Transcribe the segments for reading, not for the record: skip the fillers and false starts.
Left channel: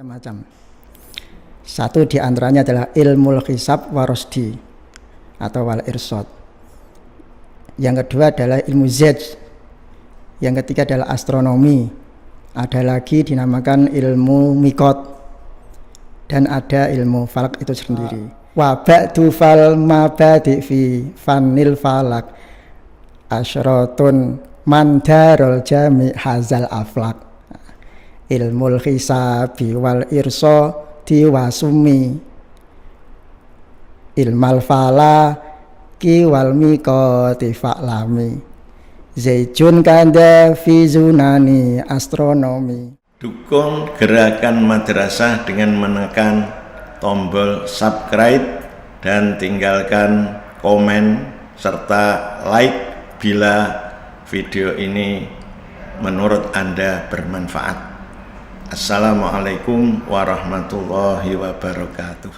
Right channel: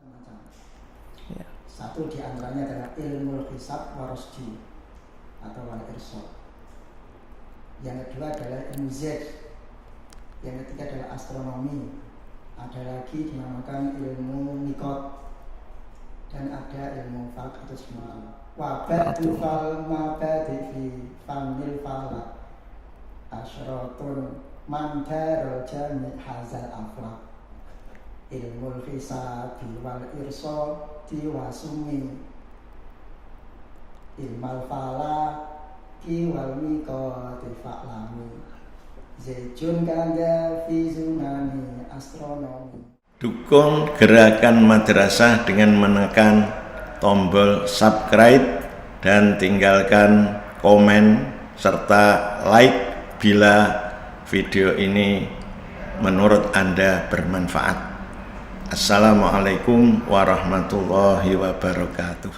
macam-macam. Satu di antaranya adalah ilmu hisab warosdi atau wal irsad. Yang kedua adalah ilmu zaj. Yang ketiga adalah astronomi. Ada lagi dinamakan ilmu mikot. Dan ada ilmu falak itu sendiri. Wa ba'du fal mabadi fi fanil falak asyratun mandarul jami hazal aflak. Ilmul hisabi wal irsadi wasumi ilmal falaki wal mikoti fa'lami zaijun kanda fi zunani astronomi. Dukung gerakan madrasah dengan menekan tombol subscribe dan tinggalkan komen serta like bila video ini menurut Anda bermanfaat. Assalamualaikum warahmatullahi wabarakatuh.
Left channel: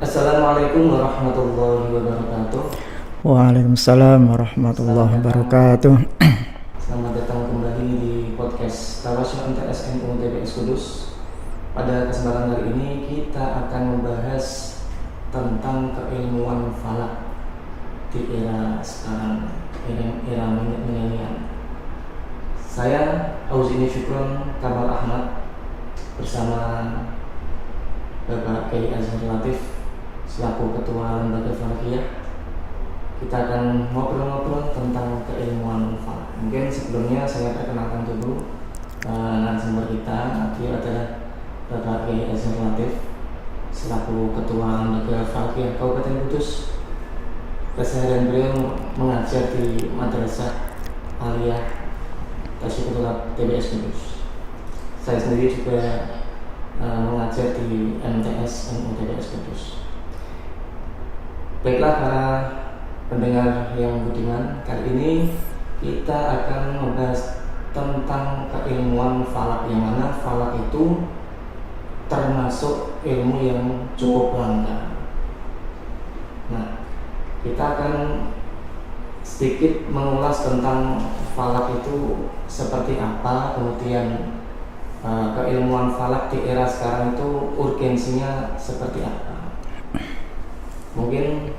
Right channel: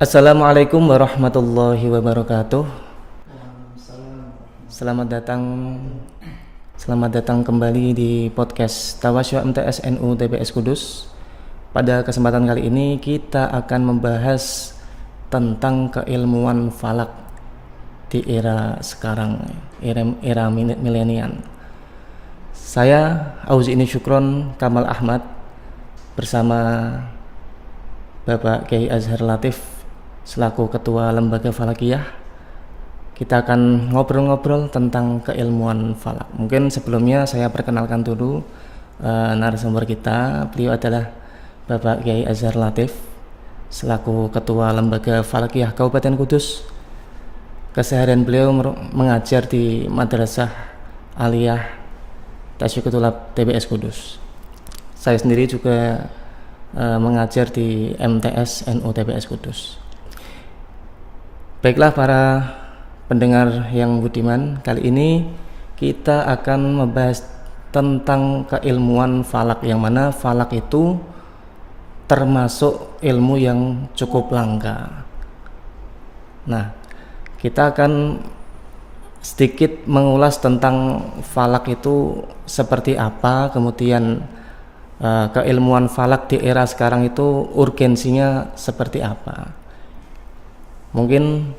Assalamualaikum warahmatullahi wabarakatuh. Waalaikumsalam warahmatullahi wabarakatuh. Selamat datang kembali di podcast Tawasyu MTS NU TPS Kudus. Pada kesempatan kali ini kita akan membahas tentang keilmuan falak di era sekarang, era milenial. Saya Auzi'ini Syukron Kamal Ahmad bersama Bapak Kiai Azhar Latif selaku Ketua Lembaga Falakiyah. Kita akan ngobrol-ngobrol tentang keilmuan falak. Mungkin sebelumnya saya perkenalkan dulu narasumber kita. Beliau adalah Bapak Kiai Azhar Latif selaku Ketua Lembaga Falakiyah Kabupaten Kudus. Keseharian beliau mengajar di Madrasah Aliyah Tasyikut Tulab TPS Kudus. Saya sendiri juga mengajar di MTS NU TPS Kudus. Baiklah para pendengar yang budiman, kali ini kita akan membahas tentang keilmuan falak, yang mana falak itu termasuk ilmu yang cukup langka. Nah, kita akan sedikit mengulas tentang falak itu seperti apa, kemudian keilmuan falak di era sekarang itu urgensinya seperti apa. Mungkin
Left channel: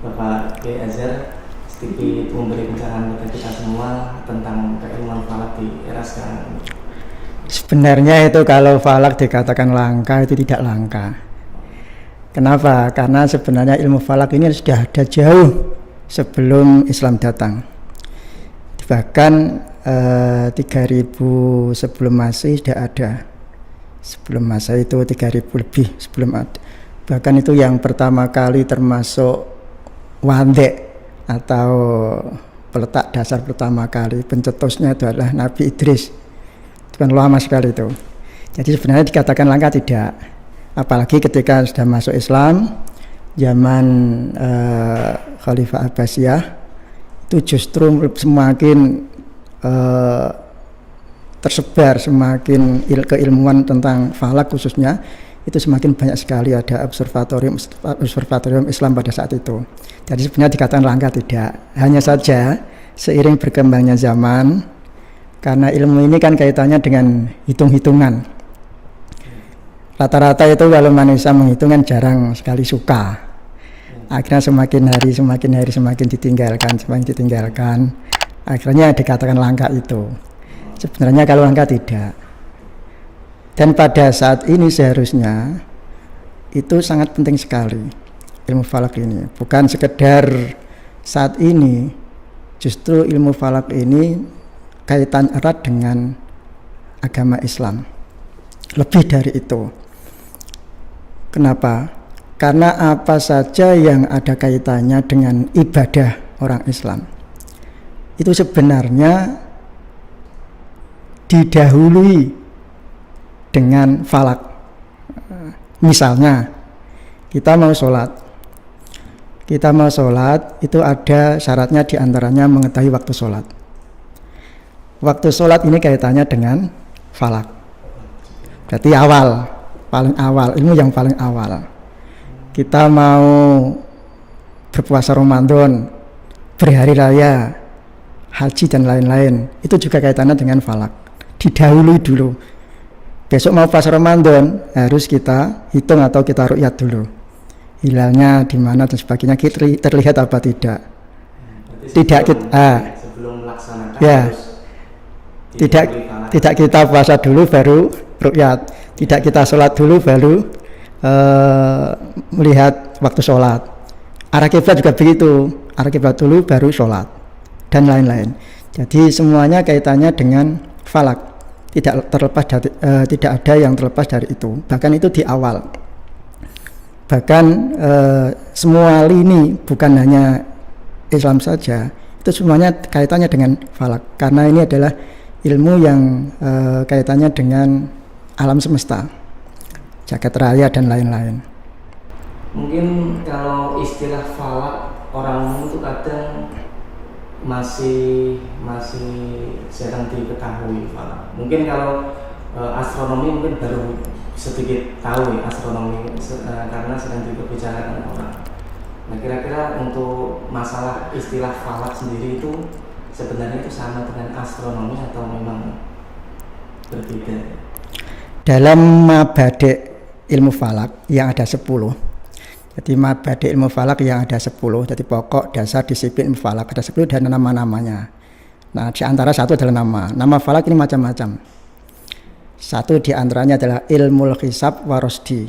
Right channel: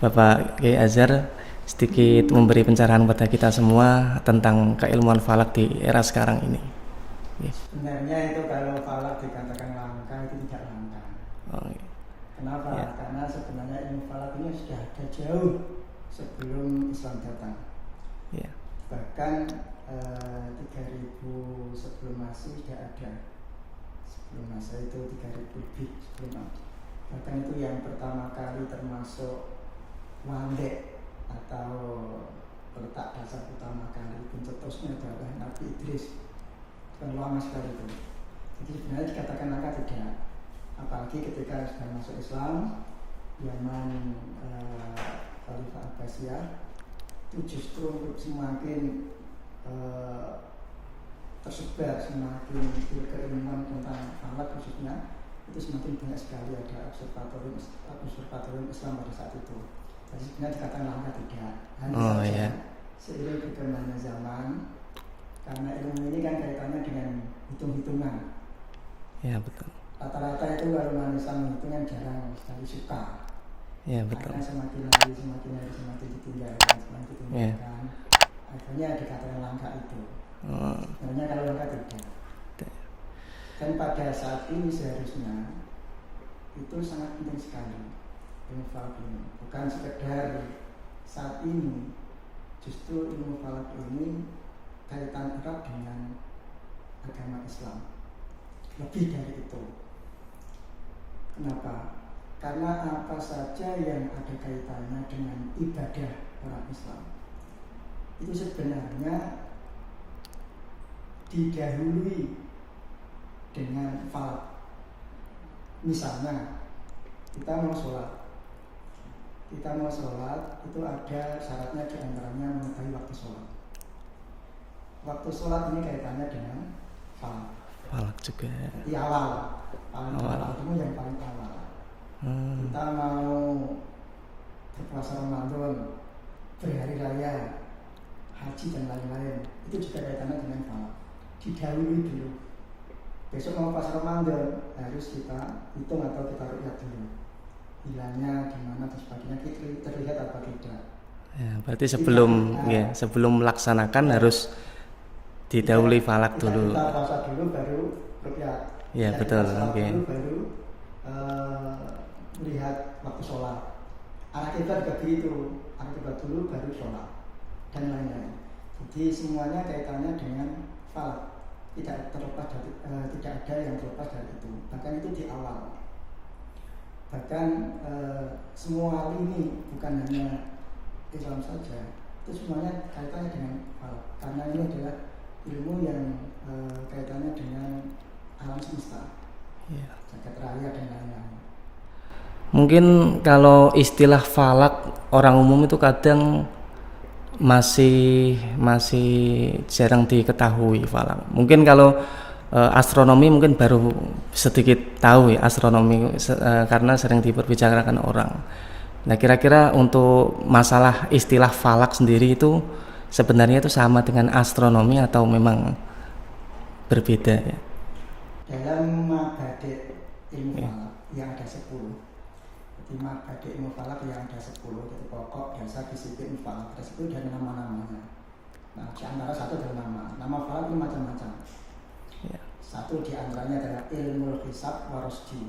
Bapak Kiai Azhar sedikit memberi pencerahan kepada kita semua tentang keilmuan falak di era sekarang ini. Sebenarnya itu kalau falak dikatakan langka itu tidak langka. Kenapa? Karena sebenarnya ilmu falak ini sudah ada jauh sebelum Islam datang. Bahkan 3000 sebelum Masehi sudah ada. Sebelum Masehi itu 3000 lebih sebelum ada. Bahkan itu yang pertama kali termasuk wandek atau peletak dasar pertama kali, pencetusnya itu adalah Nabi Idris. Itu kan lama sekali itu. Jadi sebenarnya dikatakan langka tidak. Apalagi ketika sudah masuk Islam, zaman Khalifah Abbasiyah, itu justru semakin tersebar, semakin keilmuan tentang falak khususnya itu semakin banyak sekali. Ada observatorium Islam pada saat itu. Jadi sebenarnya dikatakan langka tidak. Hanya saja seiring berkembangnya zaman, karena ilmu ini kan kaitannya dengan hitung-hitungan. Rata-rata itu kalau manusia menghitung kan jarang sekali suka. Akhirnya semakin hari semakin ditinggalkan. Akhirnya dikatakan langka itu. Sebenarnya kalau langka tidak. Dan pada saat ini seharusnya itu sangat penting sekali ilmu falak ini. Bukan sekedar saat ini, justru ilmu falak ini kaitan erat dengan agama Islam. Lebih dari itu. Kenapa? Karena apa saja yang ada kaitannya dengan ibadah orang Islam itu sebenarnya didahului dengan falak. Misalnya kita mau sholat itu ada syaratnya, diantaranya mengetahui waktu sholat. Waktu sholat ini kaitannya dengan falak. Berarti paling awal, ilmu yang paling awal. Kita mau berpuasa Ramadan, berhari raya, haji dan lain-lain, itu juga kaitannya dengan falak. Didahului dulu. Besok mau pas Ramadan harus kita hitung atau kita ru'yat dulu. Hilalnya di mana dan sebagainya, terlihat apa tidak. Ya, berarti sebelum melaksanakan harus didahului falak. Tidak kita puasa dulu baru ru'yat. Tidak kita sholat dulu baru melihat waktu sholat. Arah kiblat juga begitu. Arah kiblat dulu baru sholat dan lain-lain. Jadi semuanya kaitannya dengan falak. Tidak ada yang terlepas dari itu. Bahkan itu di awal. Bahkan semua lini, bukan hanya Islam saja, itu semuanya kaitannya dengan falak. Karena ini adalah ilmu yang kaitannya dengan alam semesta, jagat raya dan lain-lain. Mungkin kalau istilah falak orang umum itu kadang masih jarang diketahui falak. Mungkin kalau astronomi mungkin baru sedikit tahu ya astronomi karena sering diperbicarakan orang. Nah, kira-kira untuk masalah istilah falak sendiri itu sebenarnya itu sama dengan astronomi atau memang berbeda ya? Dalam mabade' ilmu falak yang ada 10. Jadi mabade' ilmu falak yang ada 10, jadi pokok dasar disiplin ilmu falak ada 10 dan nama-namanya. Nah, di antara satu adalah nama. Nama falak ini macam-macam. Satu di antaranya adalah ilmul hisab warosdi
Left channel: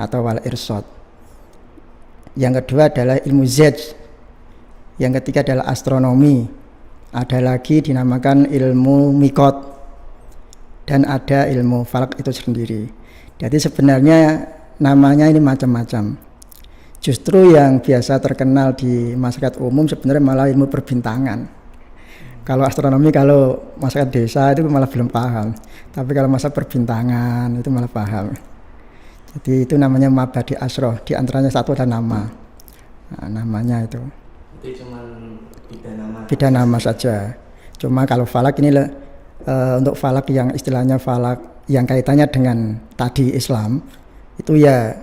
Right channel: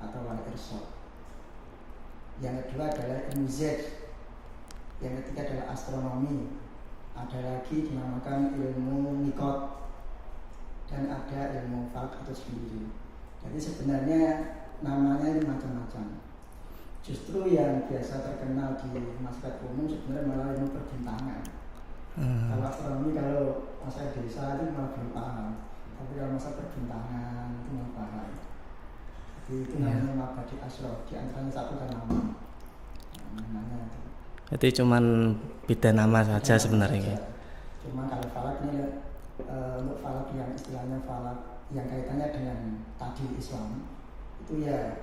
atau wal irsad. Yang kedua adalah ilmu zaj. Yang ketiga adalah astronomi. Ada lagi dinamakan ilmu mikot. Dan ada ilmu falak itu sendiri. Jadi sebenarnya namanya ini macam-macam. Justru yang biasa terkenal di masyarakat umum sebenarnya malah ilmu perbintangan. Kalau astronomi, kalau masyarakat desa itu malah belum paham. Tapi kalau masa perbintangan itu malah paham. Jadi itu namanya mabadi asroh. Di antaranya satu ada nama. Nah, namanya itu. Jadi cuman beda nama saja. Cuma kalau falak ini untuk falak yang istilahnya falak yang kaitannya dengan tadi Islam, itu ya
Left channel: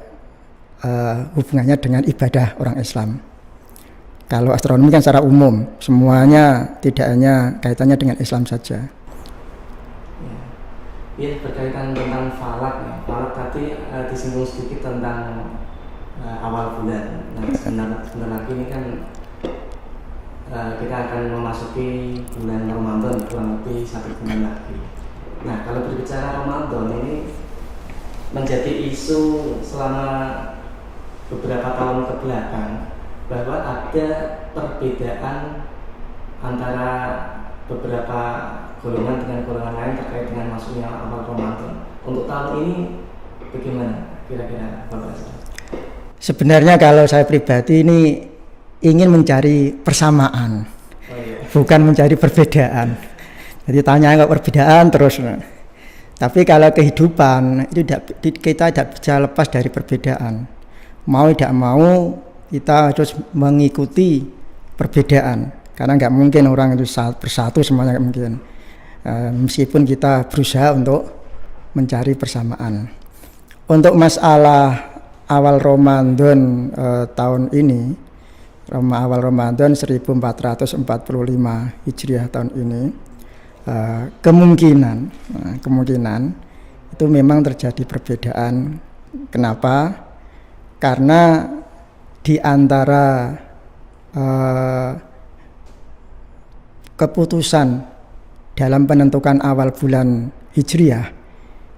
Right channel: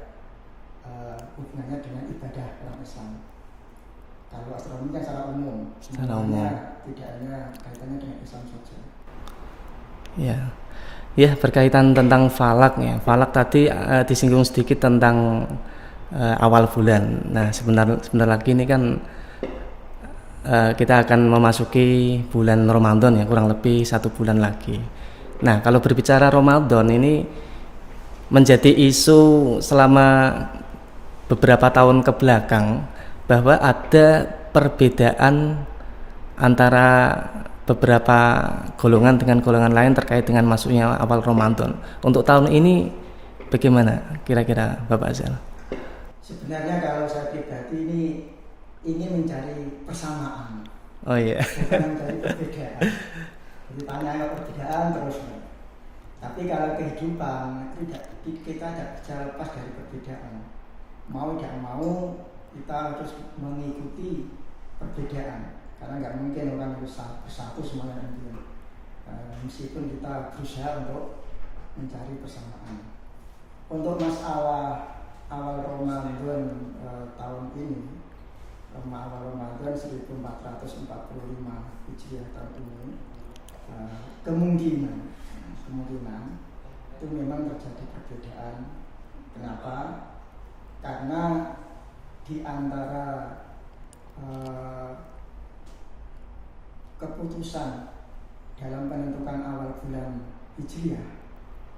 hubungannya dengan ibadah orang Islam. Kalau astronomi kan secara umum, semuanya tidak hanya kaitannya dengan Islam saja. Ya berkaitan tentang falak ya. Falak tadi disinggung sedikit tentang awal bulan. Nah sebentar lagi ini kan kita akan memasuki bulan Ramadan ya, kurang lebih 1 bulan lagi. Nah kalau berbicara Ramadan ini menjadi isu selama beberapa tahun ke belakang bahwa ada perbedaan antara beberapa golongan dengan golongan lain terkait dengan masuknya awal Ramadan. Untuk tahun ini bagaimana kira-kira Bapak Zal? Sebenarnya kalau saya pribadi ini ingin mencari persamaan, bukan mencari perbedaan. Jadi tanya nggak perbedaan terus. Tapi kalau kehidupan itu kita tidak bisa lepas dari perbedaan. Mau tidak mau kita harus mengikuti perbedaan. Karena nggak mungkin orang itu bersatu semuanya, nggak mungkin. Meskipun kita berusaha untuk mencari persamaan. Untuk masalah awal Ramadan tahun ini, awal Ramadan 1445 Hijriah tahun ini, kemungkinan itu memang terjadi perbedaan. Kenapa? Karena di antara keputusan dalam penentukan awal bulan Hijriah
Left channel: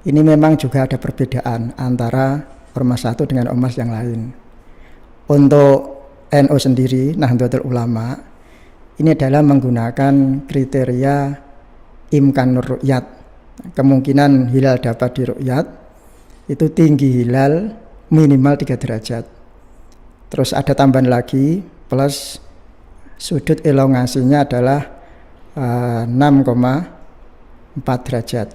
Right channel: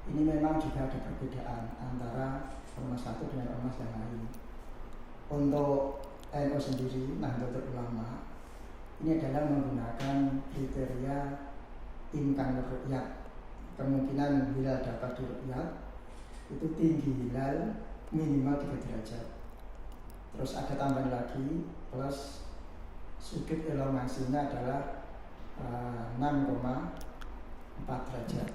ini memang juga ada perbedaan antara ormas satu dengan ormas yang lain. Untuk NU sendiri, Nahdlatul Ulama, ini adalah menggunakan kriteria imkanur ru'yat. Kemungkinan hilal dapat diru'yat itu tinggi hilal minimal 3 derajat. Terus ada tambahan lagi plus sudut elongasinya adalah 6,4 derajat.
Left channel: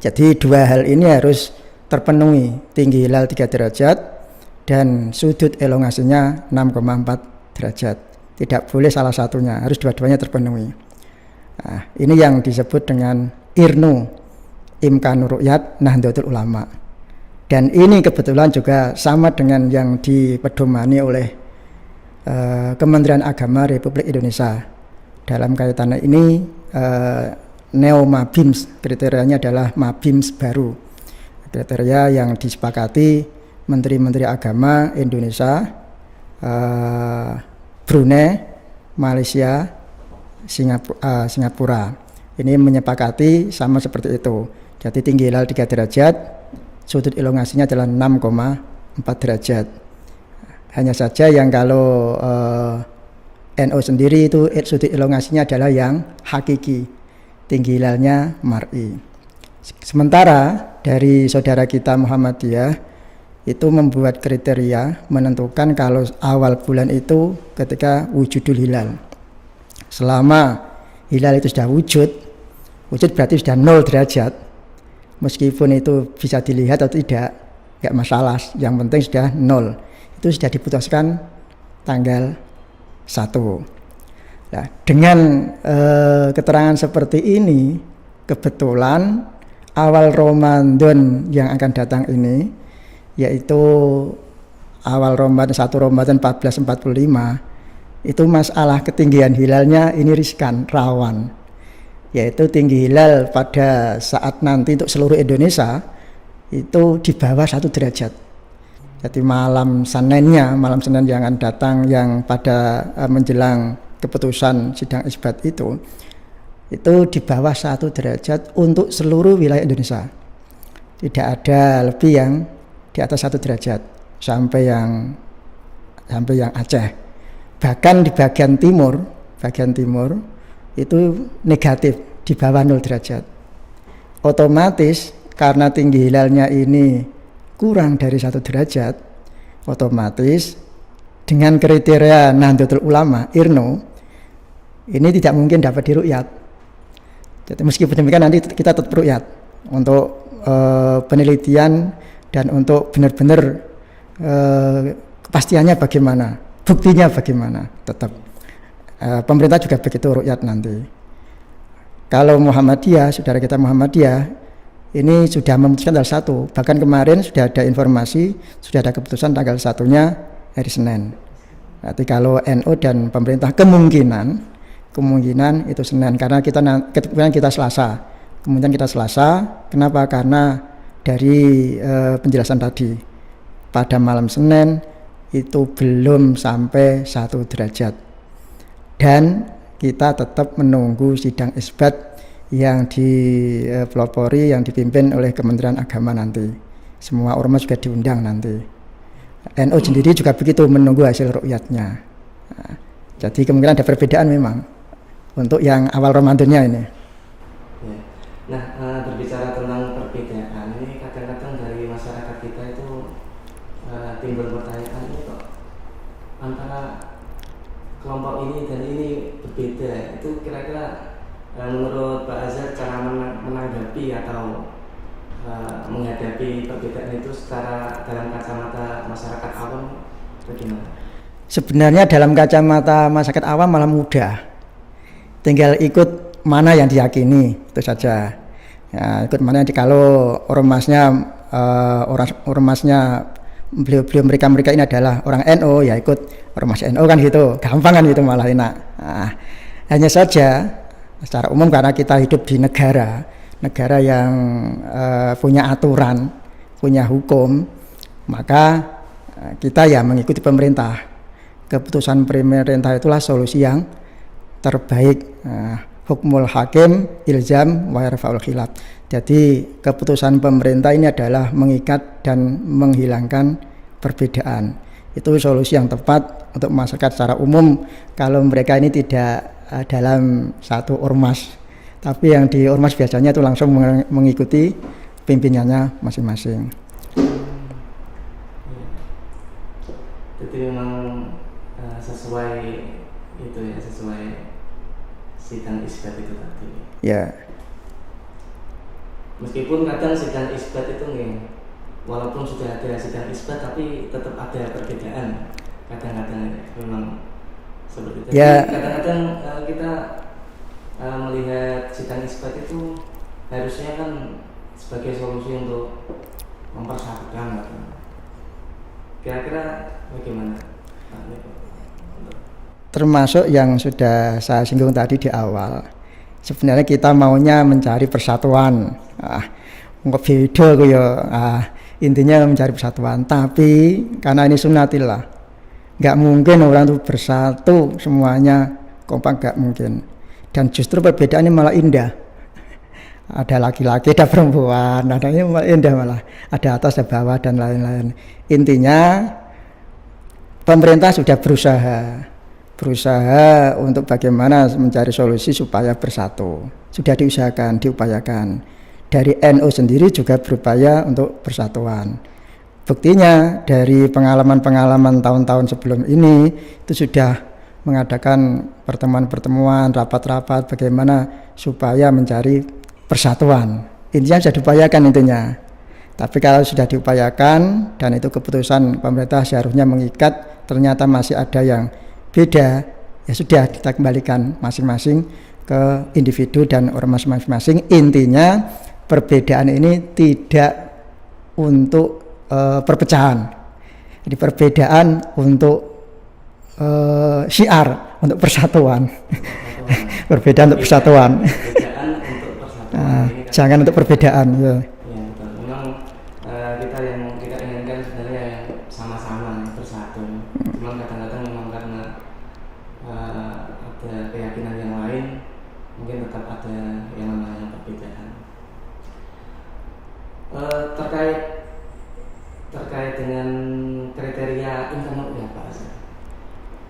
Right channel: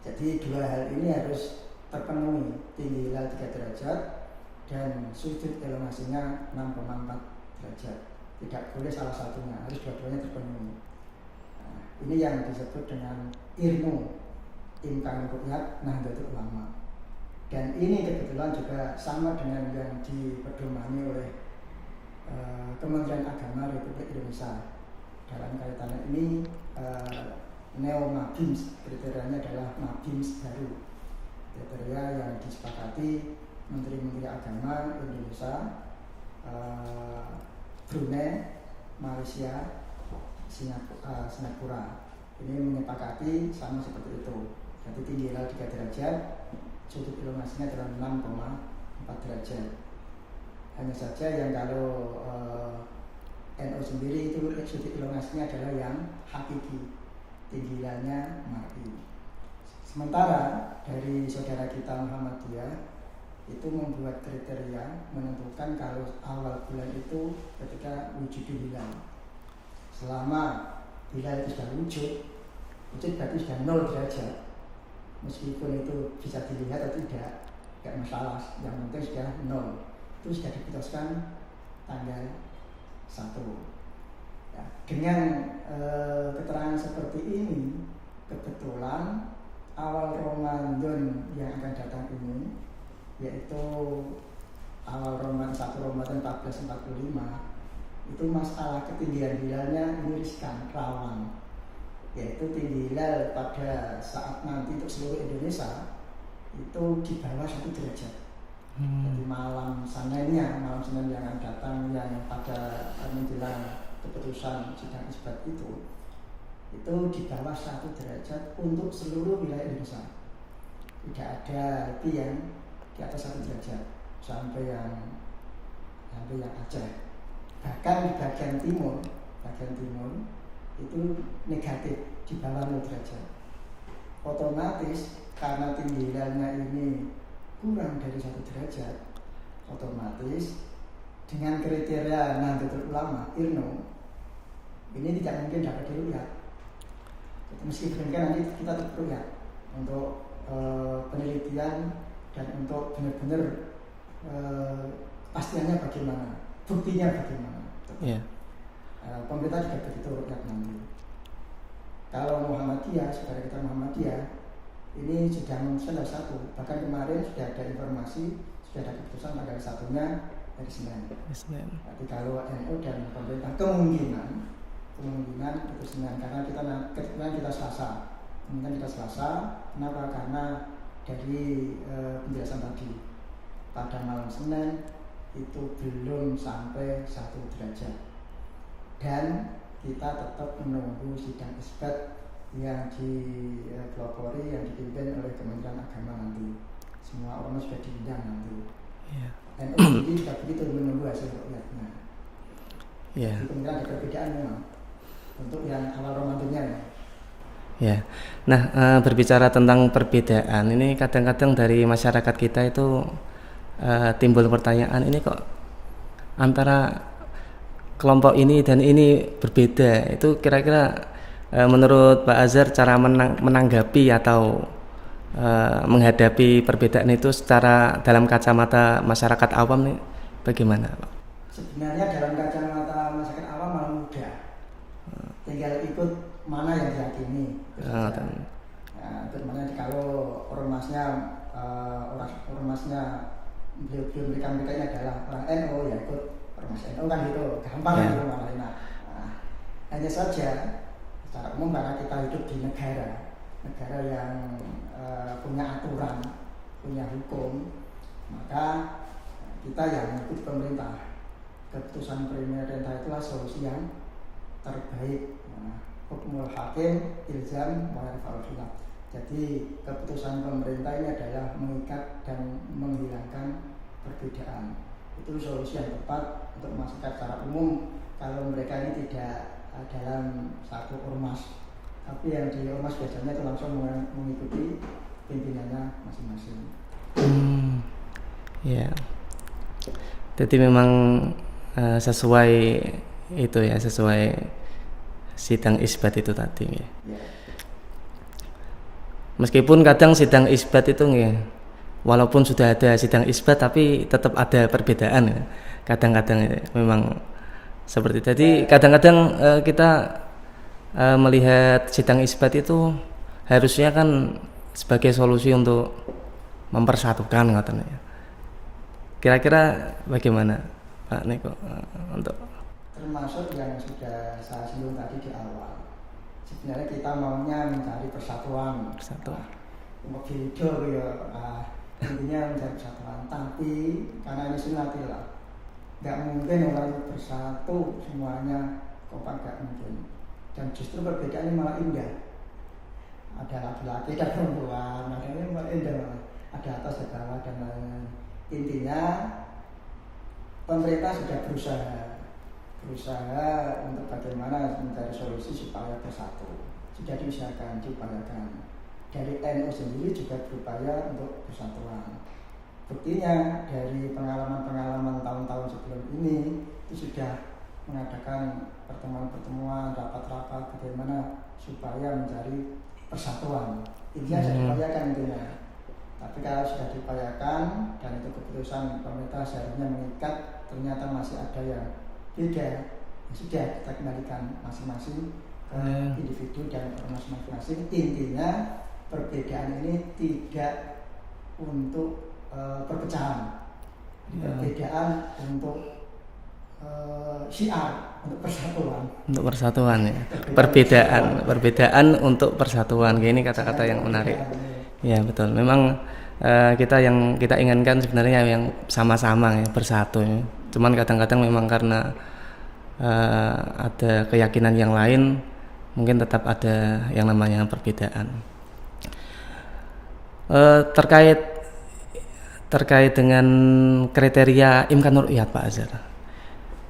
Jadi dua hal ini harus terpenuhi, tinggi hilal 3 derajat dan sudut elongasinya 6,4 derajat. Tidak boleh salah satunya, harus dua-duanya terpenuhi. Nah, ini yang disebut dengan IRNU, Imkanur Ru'yat Nahdlatul Ulama. Dan ini kebetulan juga sama dengan yang dipedomani oleh Kementerian Agama Republik Indonesia. Dalam kaitan ini Neo Mabims, kriterianya adalah Mabims baru. Kriteria yang disepakati Menteri-Menteri Agama Indonesia, Brunei, Malaysia, Singapura. Ini menyepakati sama seperti itu. Jadi tinggi hilal 3 derajat, sudut elongasinya adalah 6,4 derajat. Hanya saja yang kalau NO sendiri itu sudut elongasinya adalah yang hakiki, tinggi hilalnya mar'i. Sementara dari saudara kita Muhammadiyah itu membuat kriteria menentukan kalau awal bulan itu ketika wujudul hilal. Selama hilal itu sudah wujud berarti sudah 0 derajat. Meskipun itu bisa dilihat atau tidak, enggak masalah. Yang penting sudah 0. Itu sudah diputuskan tanggal 1. Nah, dengan keterangan seperti ini, kebetulan awal Ramadan yang akan datang ini, yaitu awal Ramadan 1 Ramadan 1445, itu masalah ketinggian hilalnya ini riskan, rawan. Yaitu tinggi hilal pada saat nanti untuk seluruh Indonesia itu di bawah 1 derajat. Jadi malam Senin yang akan datang, yang pada menjelang keputusan sidang isbat itu di bawah 1 derajat untuk seluruh wilayah Indonesia. Tidak ada lebih yang di atas 1 derajat sampai yang Aceh. Bahkan di bagian timur itu negatif, di bawah 0 derajat. Otomatis karena tinggi hilalnya ini kurang dari 1 derajat, otomatis dengan kriteria Nahdlatul Ulama, IRNO, ini tidak mungkin dapat diru'yat. Jadi meskipun demikian nanti kita tetap ru'yat untuk penelitian dan untuk benar-benar kepastiannya bagaimana, buktinya bagaimana, tetap. Pemerintah juga begitu ru'yat nanti. Kalau Muhammadiyah, saudara kita Muhammadiyah, ini sudah memutuskan tanggal 1. Bahkan kemarin sudah ada informasi, sudah ada keputusan tanggal 1-nya hari Senin. Nanti kalau NU dan pemerintah kemungkinan itu Senin, karena kita Selasa. Kemudian kita Selasa, kenapa? Karena dari penjelasan tadi, pada malam Senin itu belum sampai 1 derajat. Dan kita tetap menunggu sidang isbat yang dipelopori, yang dipimpin oleh Kementerian Agama nanti. Semua ormas juga diundang nanti. NU sendiri juga begitu, menunggu hasil ru'yatnya. Nah, jadi kemungkinan ada perbedaan memang untuk yang awal Ramadannya ini. Ya. Nah, berbicara tentang perbedaan, ini kadang-kadang dari masyarakat kita itu timbul pertanyaan, ini kok antara kelompok ini dan ini berbeda. Itu kira-kira menurut Pak Azhar cara menanggapi atau menghadapi perbedaan itu secara dalam kacamata masyarakat awam nih bagaimana? Sebenarnya dalam kacamata masyarakat awam malah mudah. Tinggal ikut mana yang diyakini, itu saja. Ya, ikut mana yang kalau ormasnya beliau mereka ini adalah orang NU, ya ikut ormas NU kan gitu, gampang kan gitu, malah enak. Nah, hanya saja secara umum karena kita hidup di negara yang punya aturan, punya hukum, maka kita ya mengikuti pemerintah. Keputusan pemerintah itulah solusi yang terbaik. Hukmul hakim ilzam wa yarfa'ul khilaf. Jadi keputusan pemerintah ini adalah mengikat dan menghilangkan perbedaan. Itu solusi yang tepat untuk masyarakat secara umum kalau mereka ini tidak dalam satu ormas, tapi yang di ormas biasanya itu langsung mengikuti pimpinannya masing-masing. Ya. Jadi memang sesuai itu ya, sesuai sidang isbat itu tadi. Ya. Meskipun kadang sidang isbat itu ya, walaupun sudah ada sidang isbat tapi tetap ada perbedaan ya. Kadang-kadang ya, memang seperti tadi. Ya. Kadang-kadang kita melihat sidang isbat itu harusnya kan sebagai solusi untuk mempersatukan katanya. Kira-kira bagaimana Pak Niko untuk termasuk yang sudah saya singgung tadi di awal. Sebenarnya kita maunya mencari persatuan. Nggak beda kok ya. Intinya mencari persatuan. Tapi karena ini sunnatillah, nggak mungkin orang itu bersatu semuanya kompak, nggak mungkin. Dan justru perbedaan ini malah indah. Ada laki-laki, ada perempuan, ada ini malah indah, malah ada atas, ada bawah dan lain-lain. Intinya pemerintah sudah berusaha untuk bagaimana mencari solusi supaya bersatu. Sudah diupayakan. Dari NU sendiri juga berupaya untuk persatuan. Buktinya dari pengalaman-pengalaman tahun-tahun sebelum ini itu sudah mengadakan pertemuan-pertemuan, rapat-rapat bagaimana supaya mencari persatuan. Intinya sudah diupayakan intinya. Tapi kalau sudah diupayakan dan itu keputusan pemerintah seharusnya mengikat, ternyata masih ada yang beda, ya sudah kita kembalikan masing-masing ke individu dan ormas masing-masing. Intinya perbedaan ini tidak untuk perpecahan. Jadi perbedaan untuk syiar, untuk persatuan. Untuk persatuan ya. Perbedaan untuk persatuan. Perbedaan untuk persatuan. Ini jangan untuk perbedaan. Ya betul. Memang yang kita inginkan sebenarnya yang sama-sama ya, bersatu ya. Cuman kadang-kadang memang karena ada keyakinan yang lain, mungkin tetap ada yang namanya perbedaan. Terkait dengan kriteria Imkanul Ru'yat Pak Azhar.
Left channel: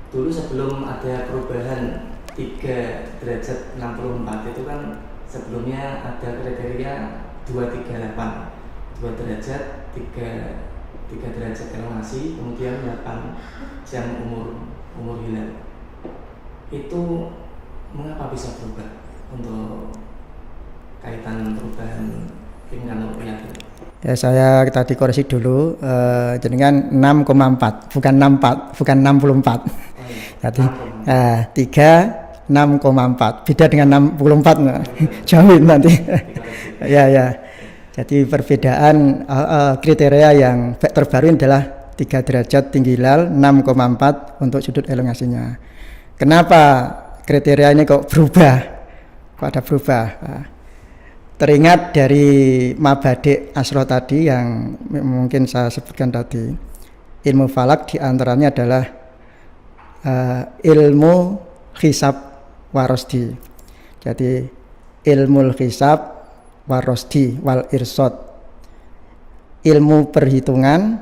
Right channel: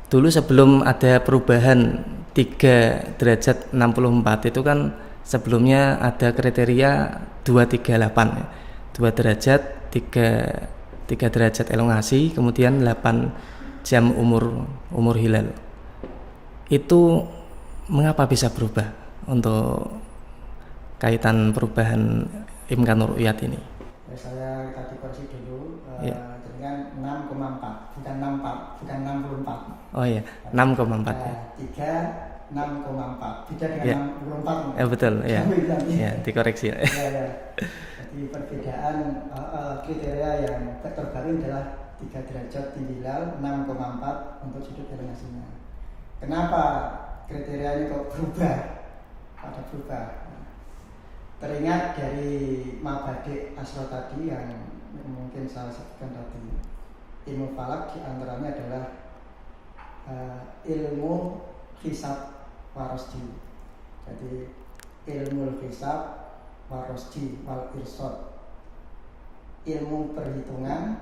Dulu sebelum ada perubahan 3 derajat 64 itu kan sebelumnya ada kriteria 238, 2 derajat 3 derajat elongasi, kemudian 8 jam umur hilal. Itu mengapa bisa berubah untuk kaitan perubahan Imkanul Ru'yat ini? Ya, saya tadi koreksi dulu, jenengan 6,4 bukan 64, bukan 64. Oh iya, 6,4. 6,4 beda dengan 64. Ya, betul. Jauh nanti. Ya, dikoreksi. Ya. Jadi perbedaan kriteria yang terbaru adalah 3 derajat tinggi hilal, 6,4 untuk sudut elongasinya. Kenapa kriteria ini kok berubah? Pada berubah. Teringat dari mabadi' asro tadi yang mungkin saya sebutkan tadi. Ilmu falak diantaranya adalah ilmu hisab warosdi. Jadi ilmu hisab warosdi wal irsod, ilmu perhitungan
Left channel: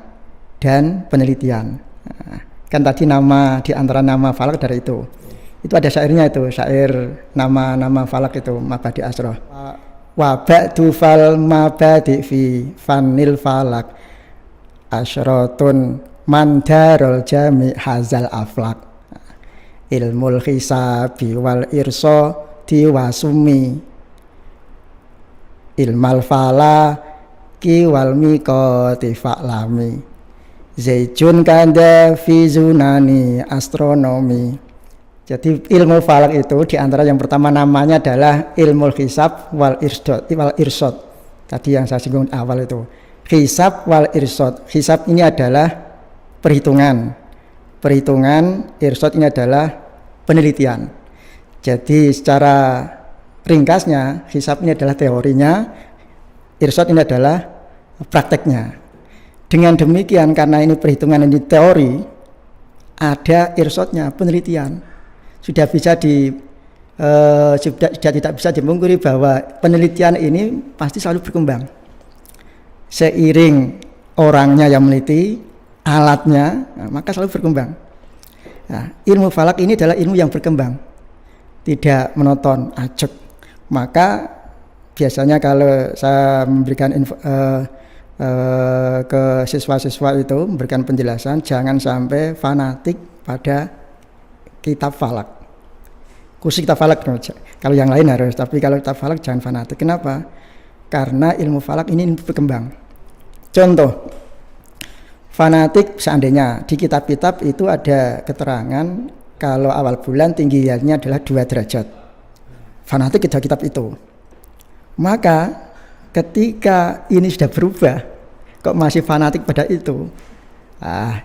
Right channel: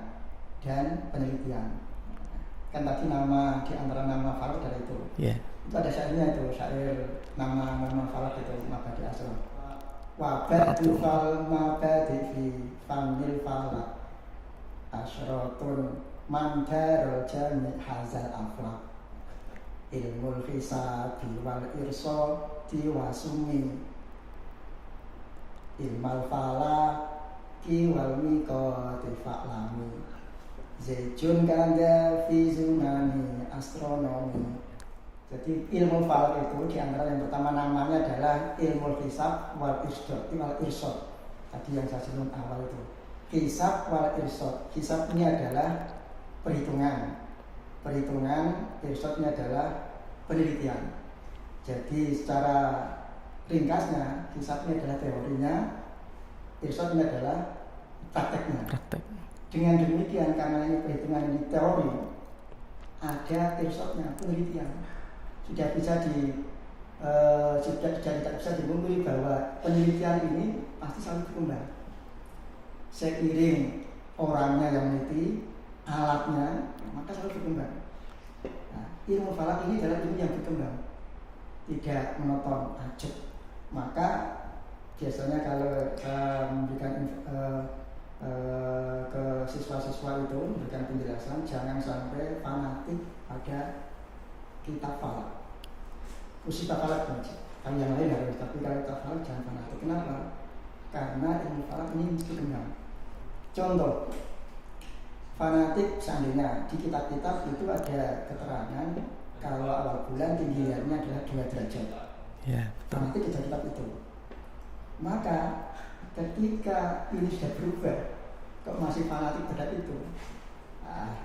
dan penelitian. Kan tadi nama di antara nama falak dari itu. Itu ada syairnya, itu syair nama-nama falak itu mabadi' asro. Wa ba'du fal mabadi fi fanil falak asyratun mandarul jami hazal aflak ilmul hisabi wal irso diwasumi ilmal fala ki wal miqati fa'lami zaijun kanda fi zunani astronomi. Jadi ilmu falak itu diantara yang pertama namanya adalah ilmu hisab wal irsod. Tadi yang saya singgung awal itu. Hisab wal irsod. Hisab ini adalah perhitungan. Irsod ini adalah penelitian. Jadi secara ringkasnya, hisab ini adalah teorinya, irsod ini adalah prakteknya. Dengan demikian, karena ini perhitungan, ini teori, ada irsodnya, penelitian. Sudah tidak bisa dipungkiri bahwa penelitian ini pasti selalu berkembang. Seiring orangnya yang meneliti, alatnya, maka selalu berkembang. Nah, ilmu falak ini adalah ilmu yang berkembang, tidak monoton, acak. Maka biasanya kalau saya memberikan ke siswa-siswa itu, memberikan penjelasan, jangan sampai fanatik pada kitab falak. Khusus kitab falak, kalau yang lain harus, tapi kalau kitab falak jangan fanatik. Kenapa? Karena ilmu falak ini berkembang. Contoh, fanatik seandainya di kitab-kitab itu ada keterangan kalau awal bulan tinggi hilalnya adalah 2 derajat. Fanatik kitab itu. Maka ketika ini sudah berubah, kok masih fanatik pada itu?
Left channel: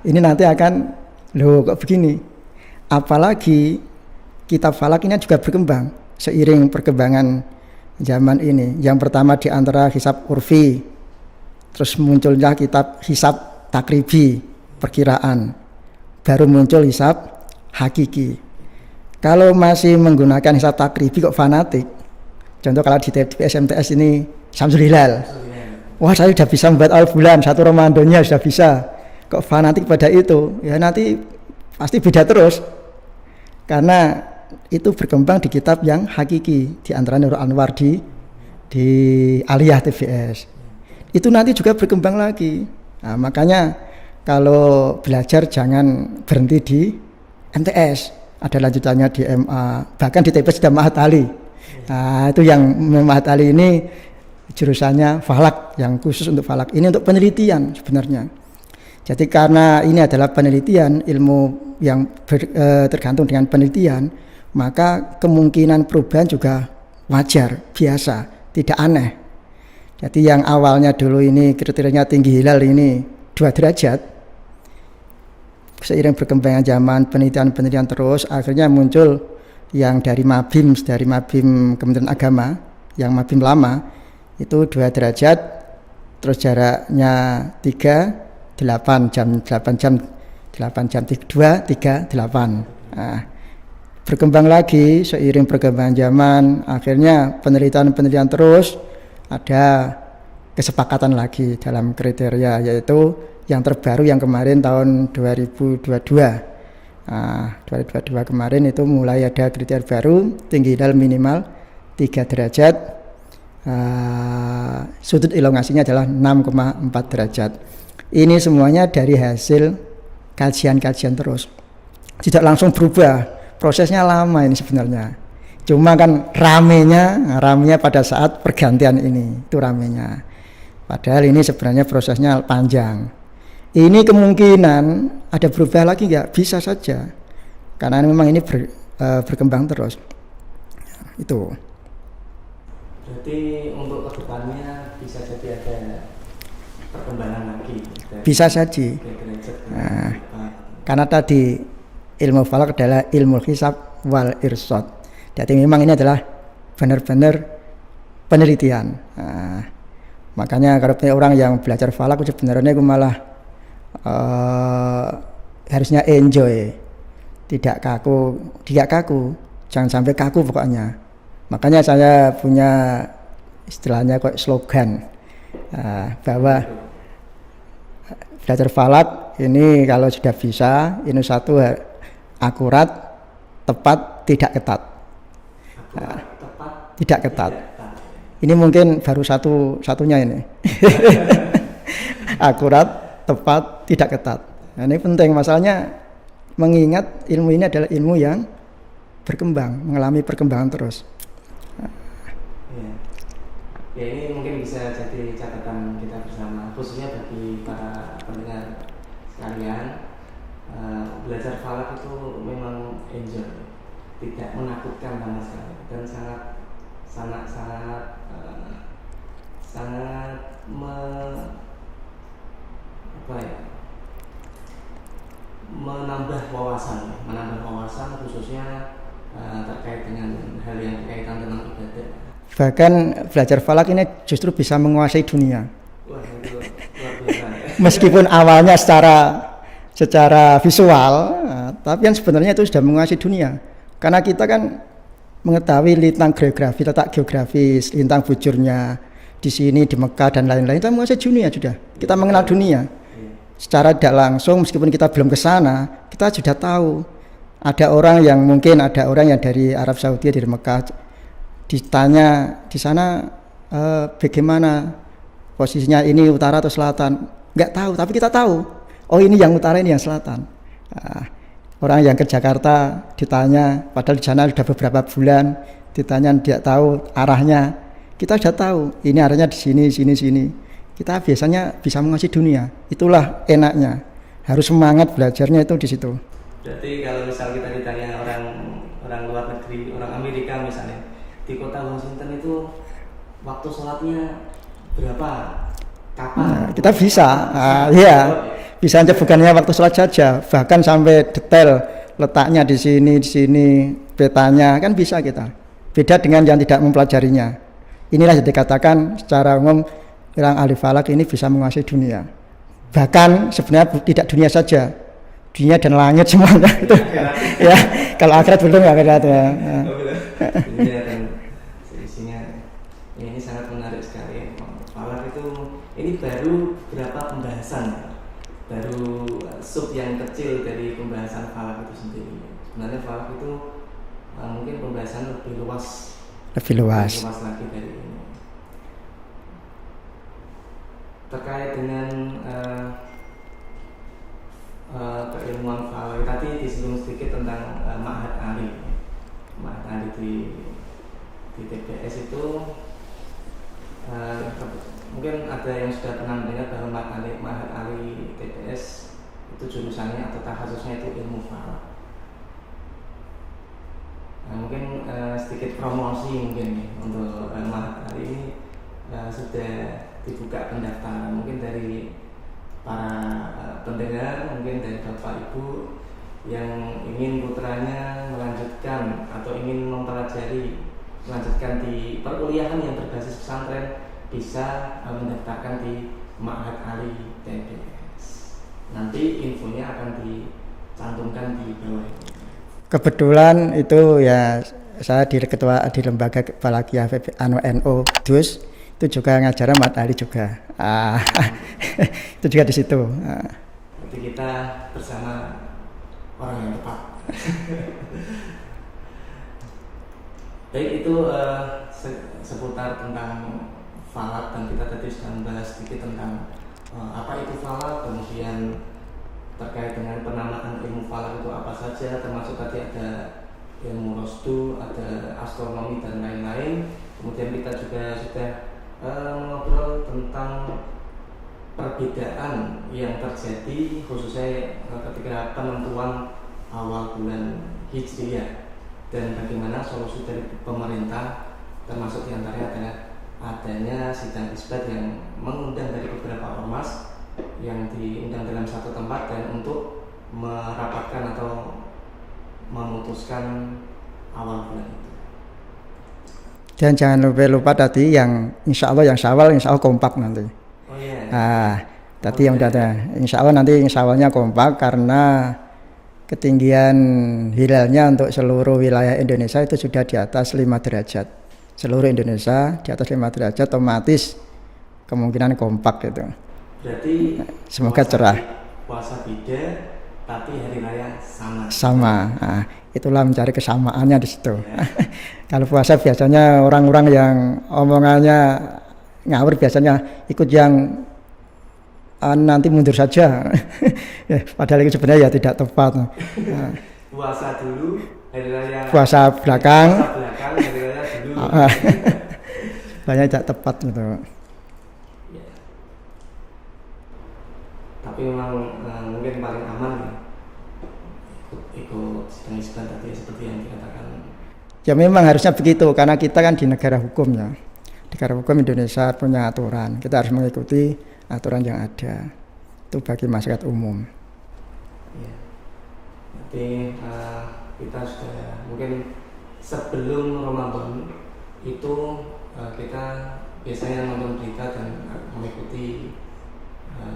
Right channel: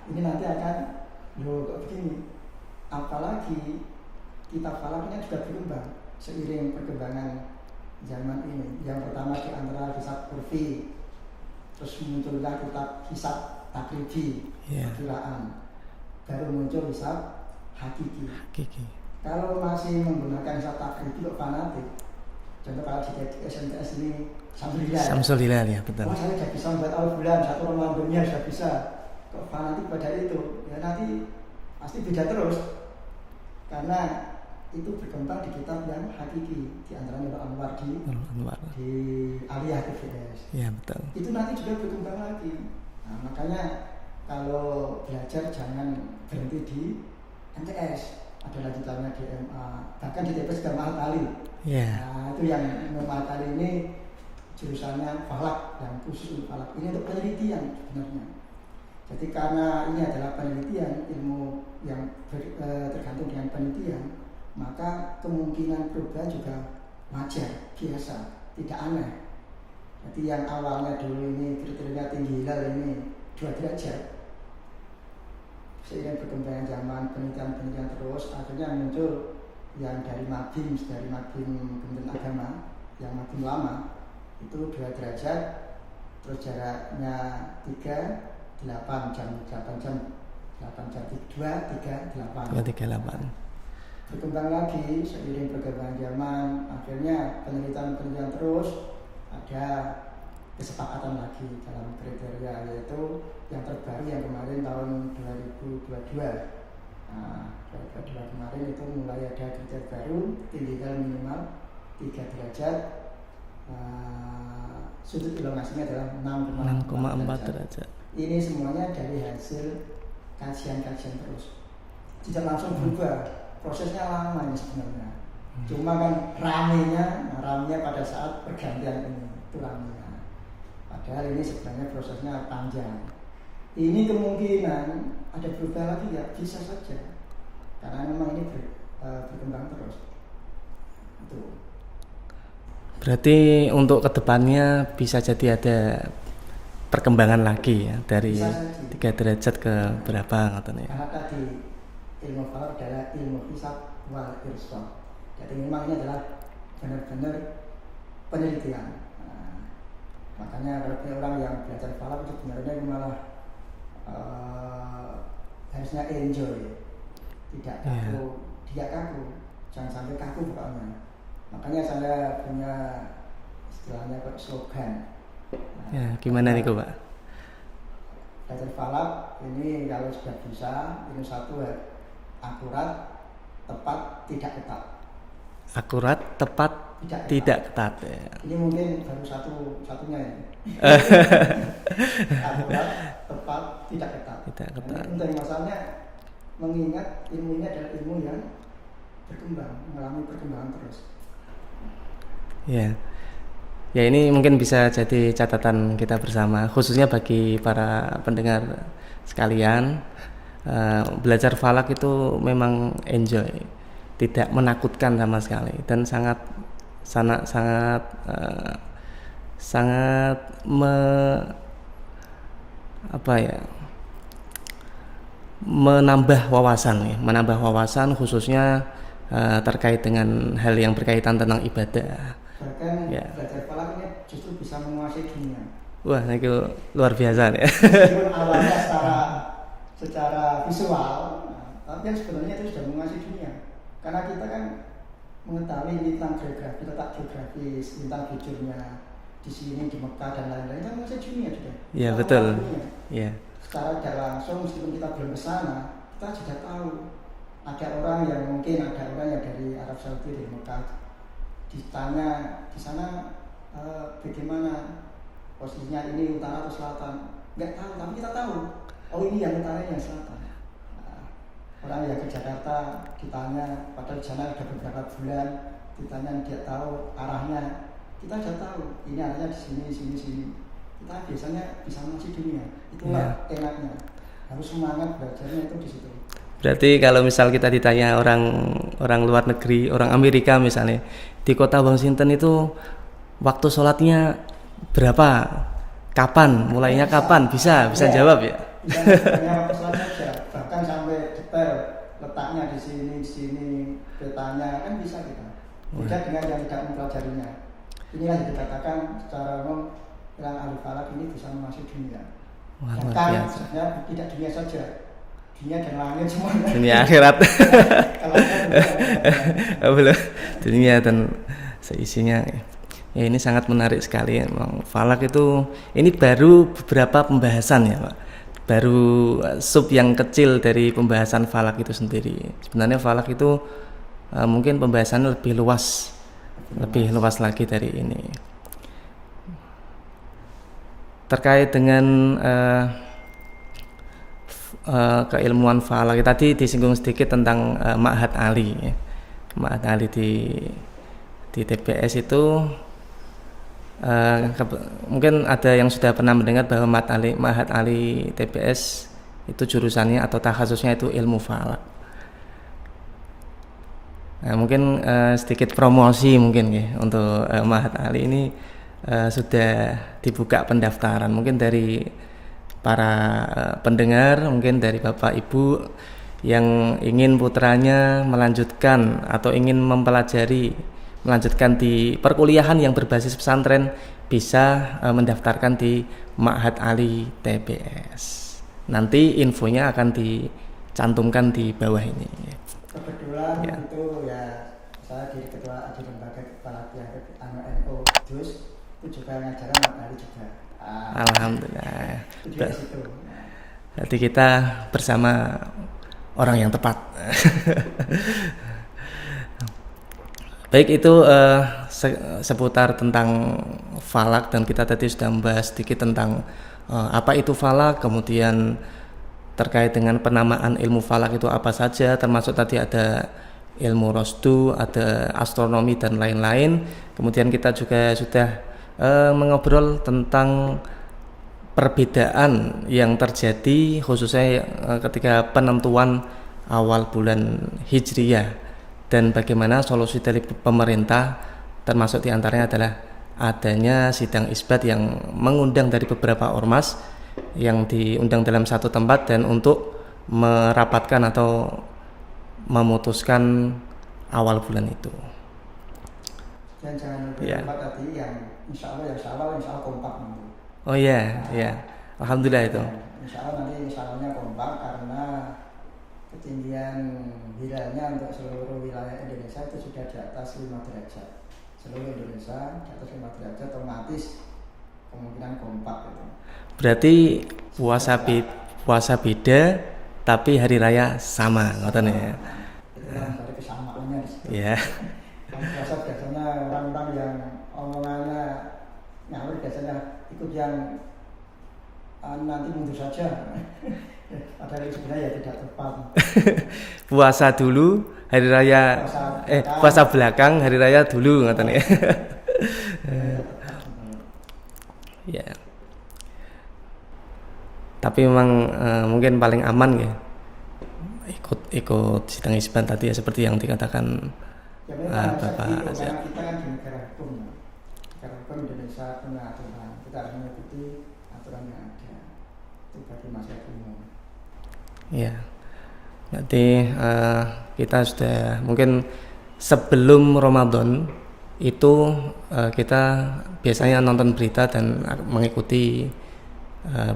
Ini nanti akan, loh kok begini? apalagi kitab falak ini juga berkembang seiring perkembangan zaman ini. Yang pertama di antara hisab urfi, terus munculnya kitab hisab takribi, perkiraan, baru muncul hisab hakiki. Kalau masih menggunakan hisab takribi kok fanatik, contoh kalau di TPS MTS ini Syamsul Hilal, ya, betul. wah saya sudah bisa membuat awal bulan 1 Ramadannya sudah bisa, kok fanatik pada itu, ya nanti pasti beda terus, karena itu berkembang di kitab yang hakiki, di antara Nurul Anwar di Aliyah TBS. Ya, betul. Itu nanti juga berkembang lagi. Nah, makanya kalau belajar jangan berhenti di MTS, ada lanjutannya di MA, bahkan di TBS sudah Ma'had Ali. Nah, itu yang Ma'had Ali ini jurusannya falak, yang khusus untuk falak. Ini untuk penelitian sebenarnya. Jadi karena ini adalah penelitian, ilmu yang tergantung dengan penelitian, maka kemungkinan perubahan juga wajar, biasa, tidak aneh. Jadi yang awalnya dulu ini kriterianya tinggi hilal ini 2 derajat, seiring berkembangnya zaman, penelitian terus, akhirnya muncul yang dari Mabim Kementerian Agama, yang Mabim lama itu 2 derajat, terus jaraknya 8 jam 2, 3, 8. Nah, berkembang lagi seiring perkembangan zaman, akhirnya penelitian terus, ada kesepakatan lagi dalam kriteria, yaitu yang terbaru yang kemarin tahun 2022. Nah, 2022 kemarin itu mulai ada kriteria baru, tinggi hilal minimal 3 derajat, sudut elongasinya adalah 6,4 derajat. Ini semuanya dari hasil kajian terus, tidak langsung berubah, prosesnya lama ini sebenarnya. Cuma kan ramenya pada saat pergantian ini, itu ramenya. Padahal ini sebenarnya prosesnya panjang. Ini kemungkinan ada berubah lagi nggak? Bisa saja, karena memang ini berkembang terus. Itu. Berarti untuk kedepannya bisa jadi ada perkembangan lagi ya, dari bisa saja 3 derajat ke berapa katanya. Karena tadi ilmu falak adalah ilmu hisab wal irsad. Jadi memang ini adalah benar-benar penelitian. Nah, makanya kalau punya orang yang belajar falak sebenarnya itu malah harusnya enjoy, tidak kaku, jangan sampai kaku pokoknya. Makanya saya punya istilahnya kok slogan, bahwa itu, Pak? belajar falak ini kalau sudah bisa, ini satu akurat, tepat, tidak ketat. Akurat, tepat, tidak ketat. Ya. Ini mungkin baru satunya ini. Akurat, tepat, tidak ketat. Nah, ini penting, masalahnya mengingat ilmu ini adalah ilmu yang berkembang, mengalami perkembangan terus. Ya. Ya, ini mungkin bisa jadi catatan kita bersama, khususnya bagi para pendengar sekalian. Belajar falak itu memang enjoy, tidak menakutkan sama sekali, dan sangat menambah wawasan khususnya terkait dengan hal yang berkaitan tentang ibadah. Bahkan belajar falak ini justru bisa menguasai dunia. Wah, itu luar biasa ya. Meskipun awalnya secara visual, tapi kan sebenarnya itu sudah menguasai dunia. Karena kita kan mengetahui lintang geografi, letak geografis, lintang bujurnya di sini, di Mekah dan lain-lain, kita menguasai dunia sudah. Ya, kita mengenal dunia. Ya. Secara tidak langsung, meskipun kita belum ke sana, kita sudah tahu. Ada orang yang dari Arab Saudi, dari Mekah, ditanya di sana bagaimana posisinya, ini utara atau selatan, nggak tahu, tapi kita tahu, oh ini yang utara, ini yang selatan. Orang yang ke Jakarta ditanya, padahal di sana sudah beberapa bulan, ditanya tidak tahu arahnya, kita sudah tahu ini arahnya di sini. Kita biasanya bisa menguasai dunia. Itulah enaknya, harus semangat belajarnya itu di situ. Berarti kalau misal kita ditanya orang luar negeri, orang Amerika misalnya, di kota Washington itu waktu sholatnya berapa? Kapan? Kita bisa. Kapan? Bisa Iya. jawab ya? Bisa, bukannya waktu sholat saja, bahkan sampai detail letaknya di sini, petanya kan bisa kita. Beda dengan yang tidak mempelajarinya. Inilah yang dikatakan secara umum orang ahli falak ini bisa menguasai dunia. Bahkan sebenarnya tidak dunia saja, dunia dan langit semuanya. Dunia akhirat. Ya, kalau akhirat belum akhirat. Ya. Belum. Dunia dan seisinya. Ya, ini sangat menarik sekali. Falak itu ini baru beberapa pembahasan ya, Pak. Baru sub yang kecil dari pembahasan falak itu sendiri. Sebenarnya falak itu mungkin pembahasannya lebih luas lagi dari ini. Terkait dengan keilmuan falak tadi disinggung sedikit tentang Ma'had Ali. Ma'had Ali di TBS itu mungkin ada yang sudah pernah mendengar bahwa Ma'had Ali TBS itu jurusannya atau takhasusnya itu ilmu falak. Nah, mungkin sedikit promosi mungkin ya untuk Ma'had Ali ini sudah dibuka pendaftaran mungkin dari para pendengar, mungkin dari Bapak Ibu yang ingin putranya melanjutkan atau ingin melanjutkan di perkuliahan yang berbasis pesantren bisa mendaftarkan di Ma'had Ali TBS. Nanti infonya akan dicantumkan di bawah ini. Kebetulan itu ya saya ketua di lembaga Falakiyah NU DUS itu juga ngajar Ma'had Ali juga. Itu juga di situ. Jadi kita bersama orang yang tepat. Baik, itu seputar tentang falak dan kita tadi sudah membahas sedikit tentang apa itu falak, kemudian terkait dengan penamaan ilmu falak itu apa saja, termasuk tadi ada ilmu rosdu, ada astronomi dan lain-lain. Kemudian kita juga sudah mengobrol tentang perbedaan yang terjadi khususnya ketika penentuan awal bulan Hijriyah dan bagaimana solusi dari pemerintah, termasuk diantaranya adalah adanya sidang isbat yang mengundang dari beberapa ormas yang diundang dalam satu tempat dan untuk merapatkan atau memutuskan awal bulan itu. Dan jangan lupa tadi yang insya Allah yang Syawal kompak nanti. Oh iya. Ya. Tadi yang kata insya Awalnya kompak karena ketinggian hilalnya untuk seluruh wilayah Indonesia itu sudah di atas 5 derajat. Seluruh Indonesia di atas 5 derajat otomatis kemungkinan kompak gitu. Berarti puasa beda tapi hari raya sama. Nah, itulah mencari kesamaannya di situ. Yeah. Kalau puasa biasanya orang-orang yang omongannya ngawur biasanya ikut yang nanti mundur saja. Padahal itu sebenarnya ya tidak tepat. Puasa dulu, hari raya. Puasa belakang, hari raya dulu. Banyak tidak tepat gitu. Ya. Tapi memang mungkin paling aman ya ikut sidang isbat tadi ya seperti yang dikatakan. Ya memang harusnya begitu karena kita kan di negara hukum ya. Negara hukum Indonesia punya aturan. Kita harus mengikuti aturan yang ada. Itu bagi masyarakat umum. Ya. Nanti kita sudah mungkin sebelum Ramadan itu kita biasanya nonton berita dan mengikuti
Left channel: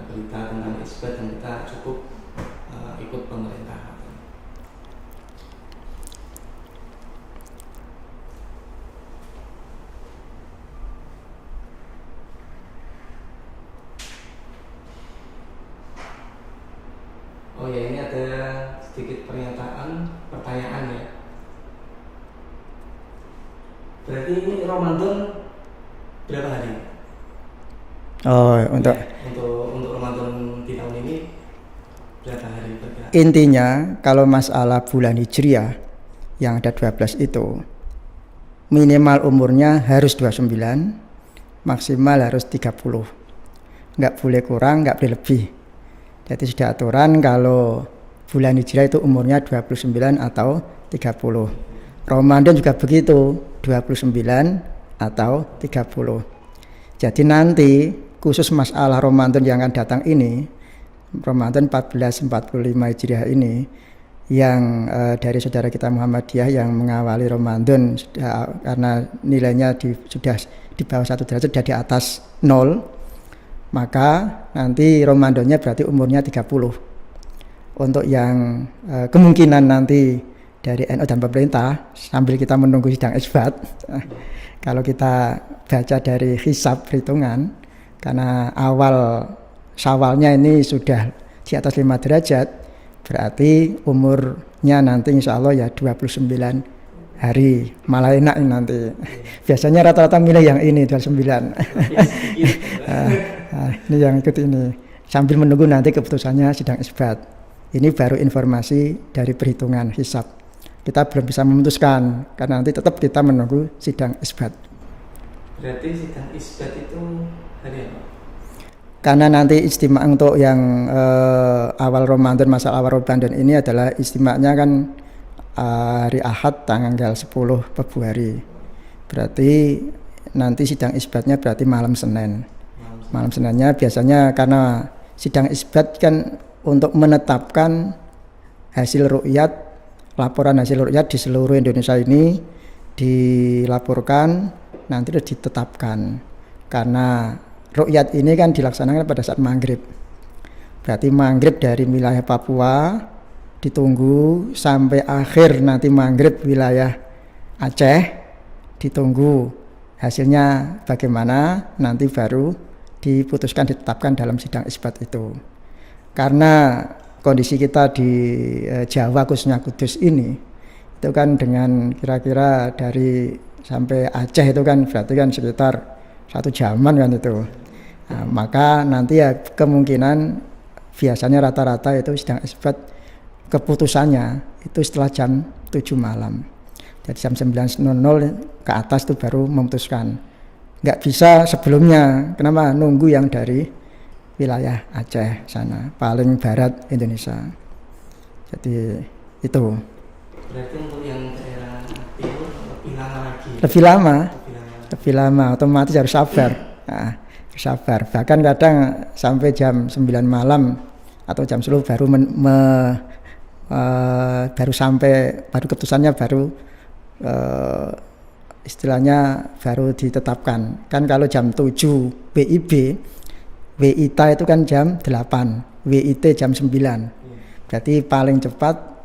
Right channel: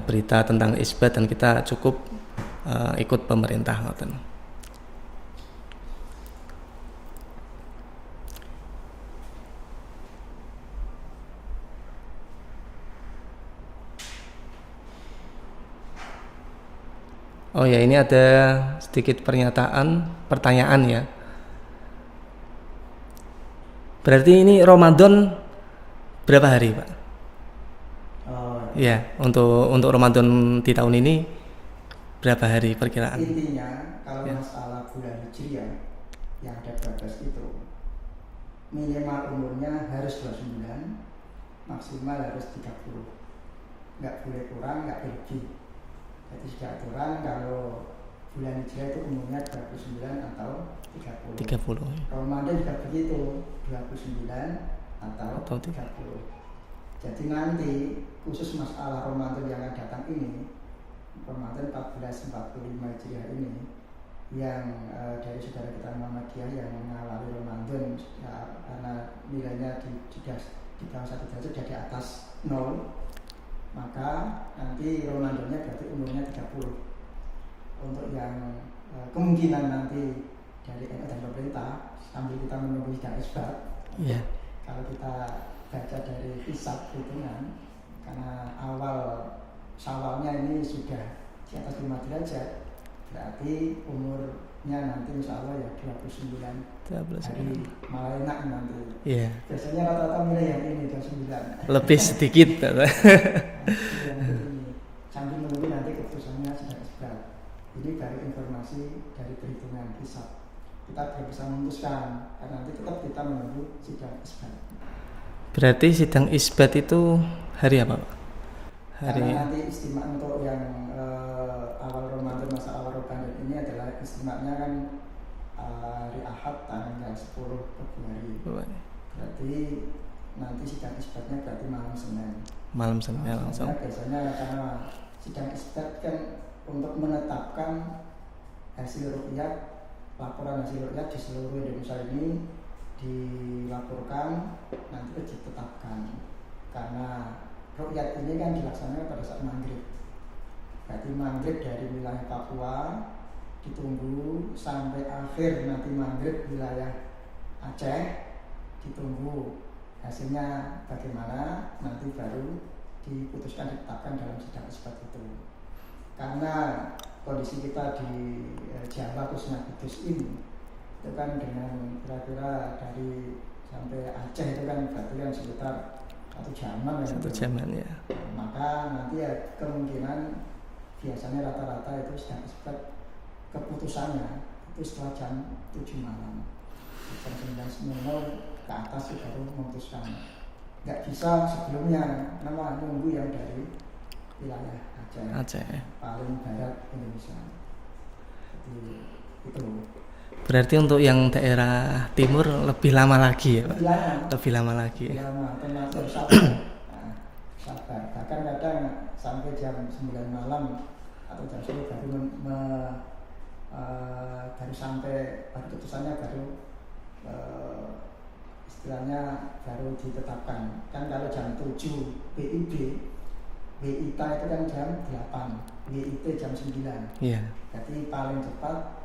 berita tentang isbat dan kita cukup ikut pemerintah. Oh ya, ini ada sedikit pertanyaan ya. Berarti ini Ramadan berapa hari, Pak? Oh, untuk Ramadan di tahun ini berapa hari perkiraan? Intinya kalau masalah bulan Hijriah yang ada 12 itu minimal umurnya harus 29, maksimal harus 30. Enggak boleh kurang, enggak boleh lebih. Jadi sudah aturan kalau bulan Hijriah itu umurnya 29 atau 30. Ramadan juga begitu, 29 atau 30. Jadi nanti khusus masalah Ramadan yang akan datang ini, Ramadan 1445 Hijriah ini, yang dari saudara kita Muhammadiyah yang mengawali Ramadan karena nilainya sudah di bawah 1 derajat, sudah di atas 0, maka nanti Ramadannya berarti umurnya 30. Untuk yang kemungkinan nanti dari NU dan pemerintah sambil kita menunggu sidang isbat, kalau kita baca dari hisab perhitungan, karena awal Syawalnya ini sudah di atas 5 derajat, berarti umurnya nanti insya Allah ya 29 hari, malah enak nanti. Biasanya rata-rata milih yang ini 29. Lebih sedikit. Ini yang ikut ini. Sambil menunggu nanti keputusannya sidang isbat. Ini baru informasi dari perhitungan hisab. Kita belum bisa memutuskan karena nanti tetap kita menunggu sidang isbat. Berarti sidang isbat itu hari apa? Karena nanti istimewa untuk yang awal Ramadan, masalah awal Ramadan ini adalah istimewanya kan hari Ahad tanggal 10 Februari. Berarti nanti sidang isbatnya berarti malam Senin. Malam Seninnya biasanya karena sidang isbat kan untuk menetapkan hasil ru'yat, laporan hasil ru'yat di seluruh Indonesia ini dilaporkan, nanti sudah ditetapkan. Karena ru'yat ini kan dilaksanakan pada saat maghrib. Berarti maghrib dari wilayah Papua ditunggu sampai akhir nanti maghrib wilayah Aceh, ditunggu hasilnya bagaimana, nanti baru diputuskan, ditetapkan dalam sidang isbat itu. Karena kondisi kita di Jawa khususnya Kudus ini itu kan dengan kira-kira dari sampai Aceh itu kan berarti kan sekitar 1 jaman kan itu. Nah, maka nanti ya kemungkinan biasanya rata-rata itu sidang isbat keputusannya itu setelah jam 7 malam. Dari jam 9.00 ke atas itu baru memutuskan. Nggak bisa sebelumnya. Kenapa? Nunggu yang dari wilayah Aceh sana, paling barat Indonesia. Jadi itu. Berarti untuk yang daerah timur lebih lama lagi ya? Lebih lama lagi. Lebih lama, otomatis harus sabar. Nah, sabar. Bahkan kadang sampai jam 9 malam atau jam 10 baru sampai, baru keputusannya baru istilahnya baru ditetapkan. Kan kalau jam 7 WIB, WITA itu kan jam 8, WIT jam 9. Berarti paling cepat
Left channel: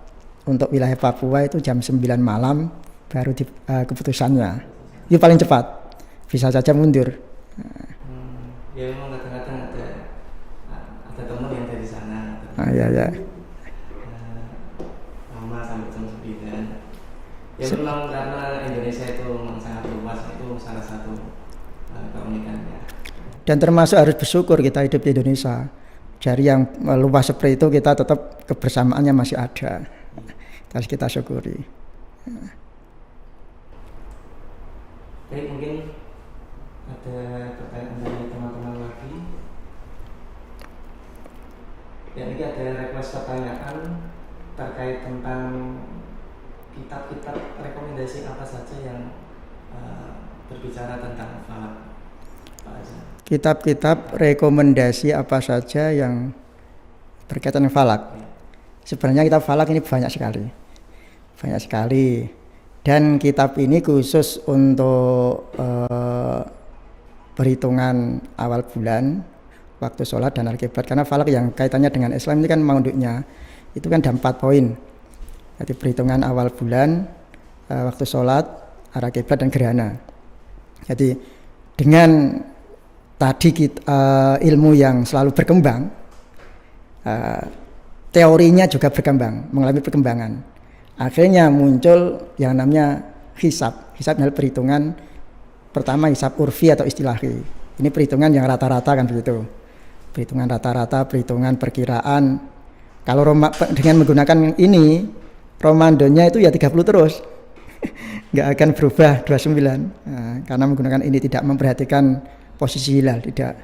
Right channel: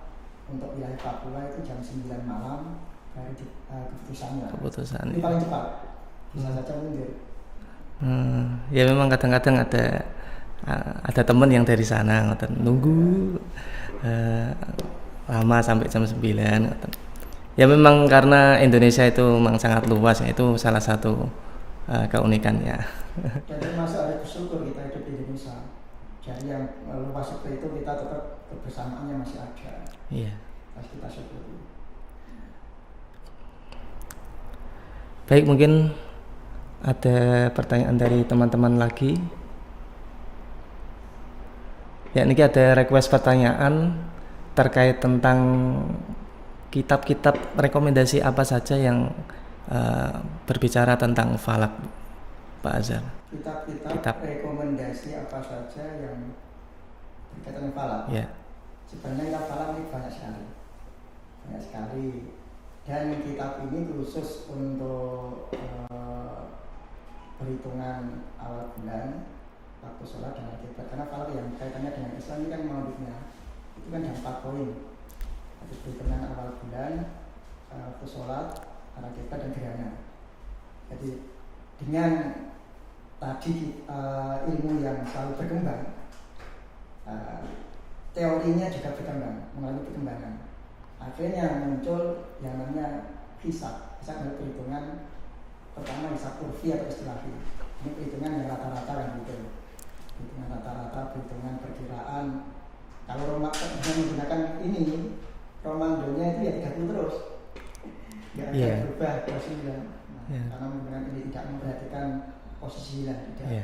untuk wilayah Papua itu jam 9 malam baru keputusannya. Itu paling cepat. Bisa saja mundur. Ya memang kadang-kadang ada teman yang dari sana lama sampai jam 9. Ya memang karena Indonesia itu memang sangat luas, itu salah satu keunikannya. Dan termasuk harus bersyukur kita hidup di Indonesia. Dari yang luas seperti itu kita tetap kebersamaannya masih ada. Harus kita syukuri. Baik, mungkin ada pertanyaan dari teman-teman lagi. Ya, ini ada request pertanyaan terkait tentang kitab-kitab rekomendasi apa saja yang berbicara tentang falak, Pak Azhar. Kitab-kitab rekomendasi apa saja yang berkaitan dengan falak? Ya. Sebenarnya kitab falak ini banyak sekali. Dan kitab ini khusus untuk perhitungan awal bulan, waktu sholat dan al-qiblat. Karena falak yang kaitannya dengan Islam ini kan maudhu'nya itu kan ada 4 poin. Jadi perhitungan awal bulan, waktu sholat, arah kiblat dan gerhana. Jadi dengan tadi ilmu yang selalu berkembang, teorinya juga berkembang, mengalami perkembangan. Akhirnya muncul yang namanya hisab. Hisab adalah perhitungan pertama, hisab urfi atau istilahi. Ini perhitungan yang rata-rata kan begitu. Perhitungan rata-rata, perhitungan perkiraan. Kalau dengan menggunakan ini, Ramadannya itu ya 30 terus. Nggak akan berubah 29. Karena menggunakan ini tidak memperhatikan posisi hilal, tidak.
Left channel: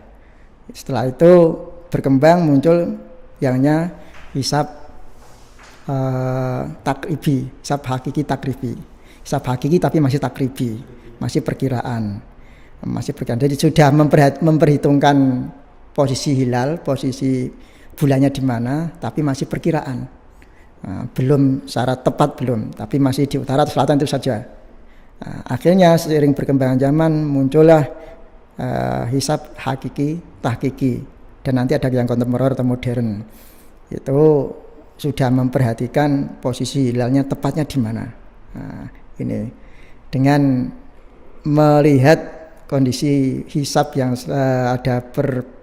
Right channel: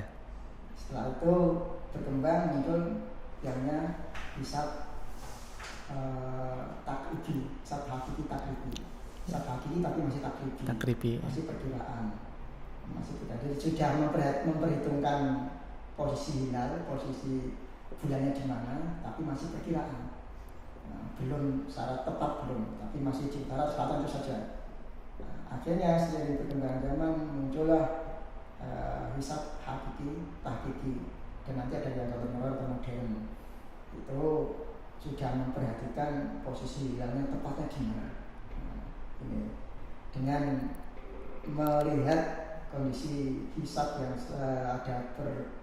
Setelah itu berkembang muncul yangnya hisab takribi, hisab hakiki takribi. Hisab hakiki tapi masih takribi. Masih perkiraan. Jadi sudah memperhitungkan posisi hilal, posisi bulannya di mana, tapi masih perkiraan. belum secara tepat belum, tapi masih di utara atau selatan itu saja. Akhirnya seiring perkembangan zaman muncullah hisab hakiki, tahkiki, dan nanti ada yang kontemporer atau modern. Itu sudah memperhatikan posisi hilalnya tepatnya di mana. Ini dengan melihat kondisi hisab yang ada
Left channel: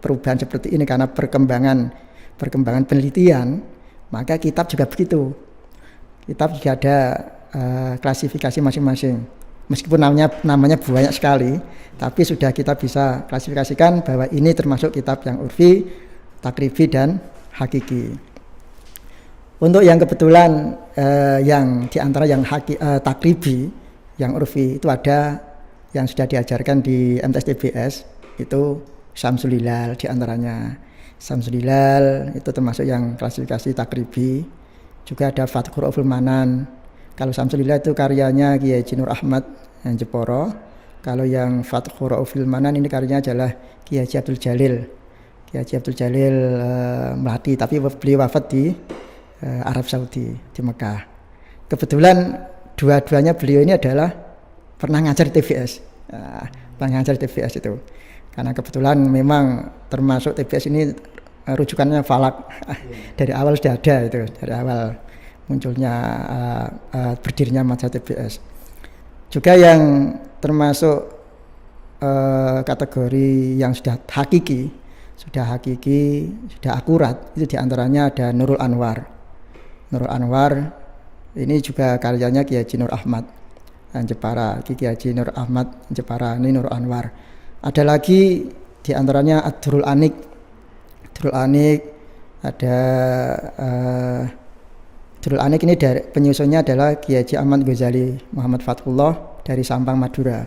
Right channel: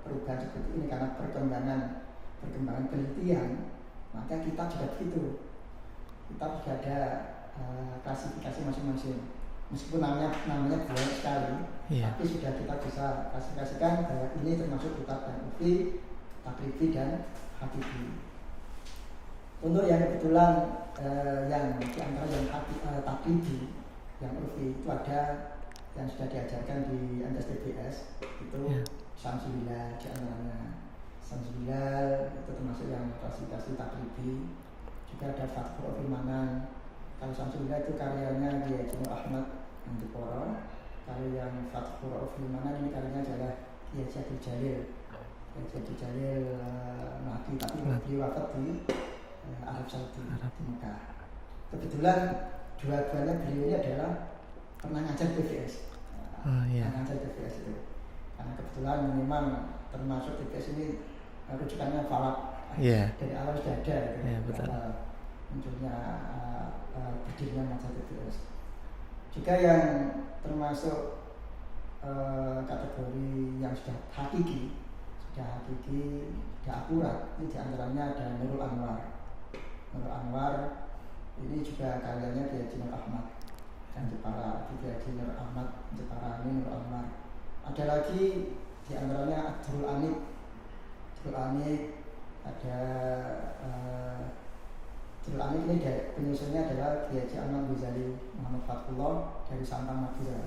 perubahan seperti ini karena perkembangan penelitian, maka kitab juga begitu. Kitab juga ada klasifikasi masing-masing. Meskipun namanya banyak sekali, tapi sudah kita bisa klasifikasikan bahwa ini termasuk kitab yang urfi, takribi, dan hakiki. Untuk yang kebetulan yang diantara yang takribi, yang urfi itu ada yang sudah diajarkan di MTS itu Syamsul Hilal diantaranya. Syamsul Hilal itu termasuk yang klasifikasi takribi. Juga ada Fathur Rauful Manan. Kalau Syamsul Hilal itu karyanya Kiai Haji Nur Ahmad yang Jeporo. Kalau yang Fathur Rauful Manan ini karyanya adalah Kiai Haji Abdul Jalil. Kiai Haji Abdul Jalil Melati, tapi beliau wafat di Arab Saudi, di Mekah. Kebetulan dua-duanya beliau ini adalah pernah ngajar di TVS. Pernah ngajar di TVS itu. Karena kebetulan memang termasuk TVS ini rujukannya falak. Dari awal sudah ada itu, dari awal munculnya berdirinya mazhab TVS. Juga yang termasuk kategori yang sudah hakiki, sudah akurat, itu diantaranya ada Nurul Anwar. Nurul Anwar ini juga karyanya Kiai Haji Nur Ahmad yang Jepara. Kiai Haji Nur Ahmad Jepara ini Nurul Anwar. Ada lagi diantaranya Ad-Durul Anik. Durul Anik ada Durul Anik ini dari penyusunnya adalah Kiai Haji Ahmad Ghazali Muhammad Fathullah dari Sampang Madura.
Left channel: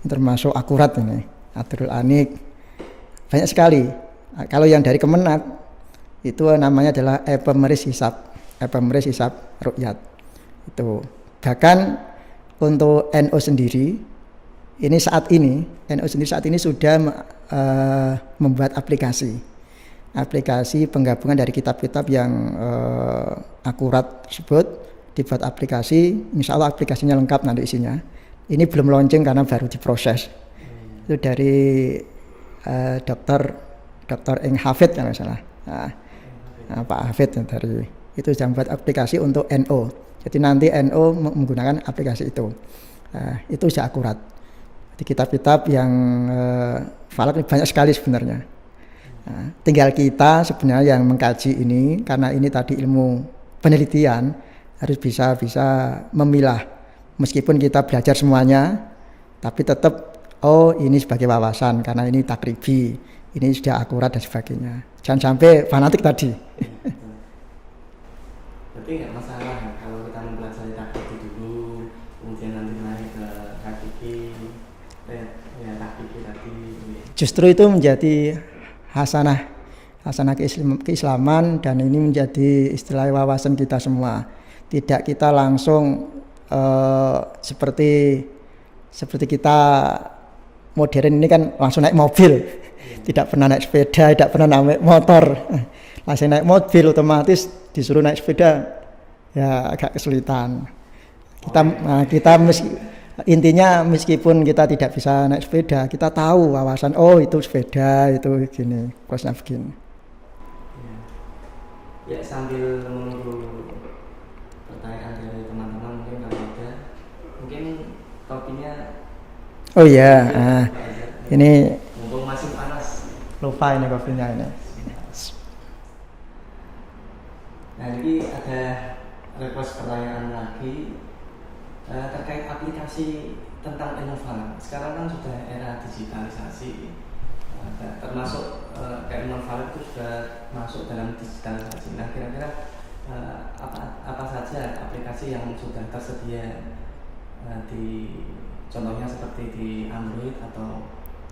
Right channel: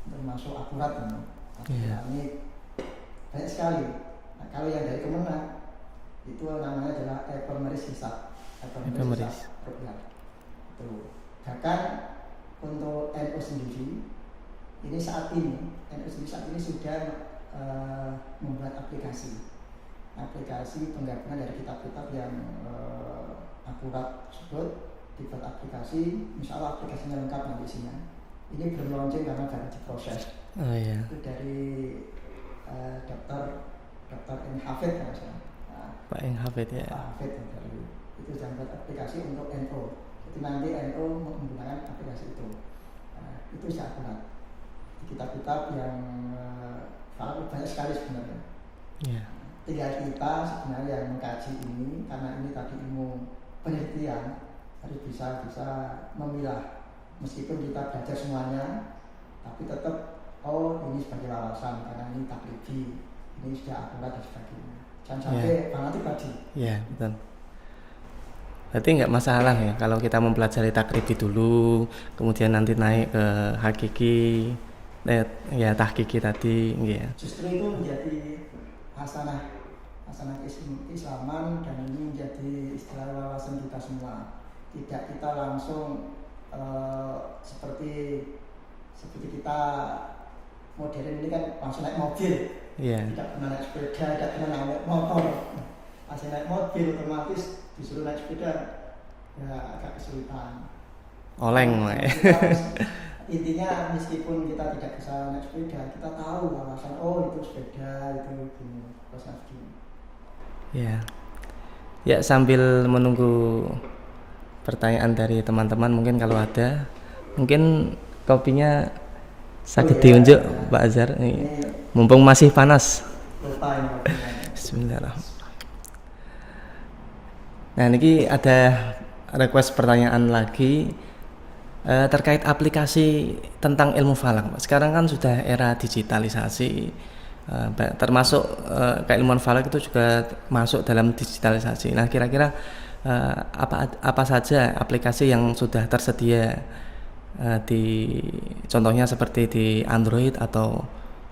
Ini termasuk akurat ini. Ad-Durul Anik banyak sekali. Kalau yang dari Kemenat itu namanya adalah Epemeris Hisab Ruqyat. Itu bahkan untuk NU sendiri saat ini sudah membuat aplikasi penggabungan dari kitab-kitab yang akurat tersebut, dibuat aplikasi. Insya Allah aplikasinya lengkap nanti isinya. Ini belum launching karena baru diproses. Itu dari Dr. Eng Hafid kalau salah. Pak Hafid dari itu sudah membuat aplikasi untuk NU. Jadi nanti NU menggunakan aplikasi itu. Itu sudah akurat. Di kitab-kitab yang falak banyak sekali sebenarnya. Tinggal kita sebenarnya yang mengkaji ini, karena ini tadi ilmu penelitian, harus bisa memilah. Meskipun kita belajar semuanya, tapi tetap ini sebagai wawasan karena ini takribi, ini sudah akurat dan sebagainya. Jangan sampai fanatik tadi. Betul. Berarti nggak masalah ya kalau kita mempelajari takribi dulu, kemudian nanti naik ke hakiki, tahkiki tadi. Justru itu menjadi hasanah keislaman, dan ini menjadi istilah wawasan kita semua. Tidak kita langsung seperti kita modern ini kan langsung naik mobil, tidak pernah naik sepeda, tidak pernah naik motor. Langsung naik mobil otomatis disuruh naik sepeda ya agak kesulitan. Kita intinya meskipun kita tidak bisa naik sepeda, kita tahu wawasan itu sepeda itu gini, prosesnya begini. Ya sambil menunggu pertanyaan dari teman-teman, mungkin kalau ada, mungkin kopinya diunjuk Pak Azhar. Ini mumpung masih panas. Lupa ini kopinya ini. Bismillahirrahmanirrahim. Nah, ini ada request pertanyaan lagi terkait aplikasi tentang ilmu falak. Sekarang kan sudah era digitalisasi, termasuk keilmuan falak itu juga masuk dalam digitalisasi. Nah, kira-kira apa saja aplikasi yang sudah tersedia contohnya seperti di Android atau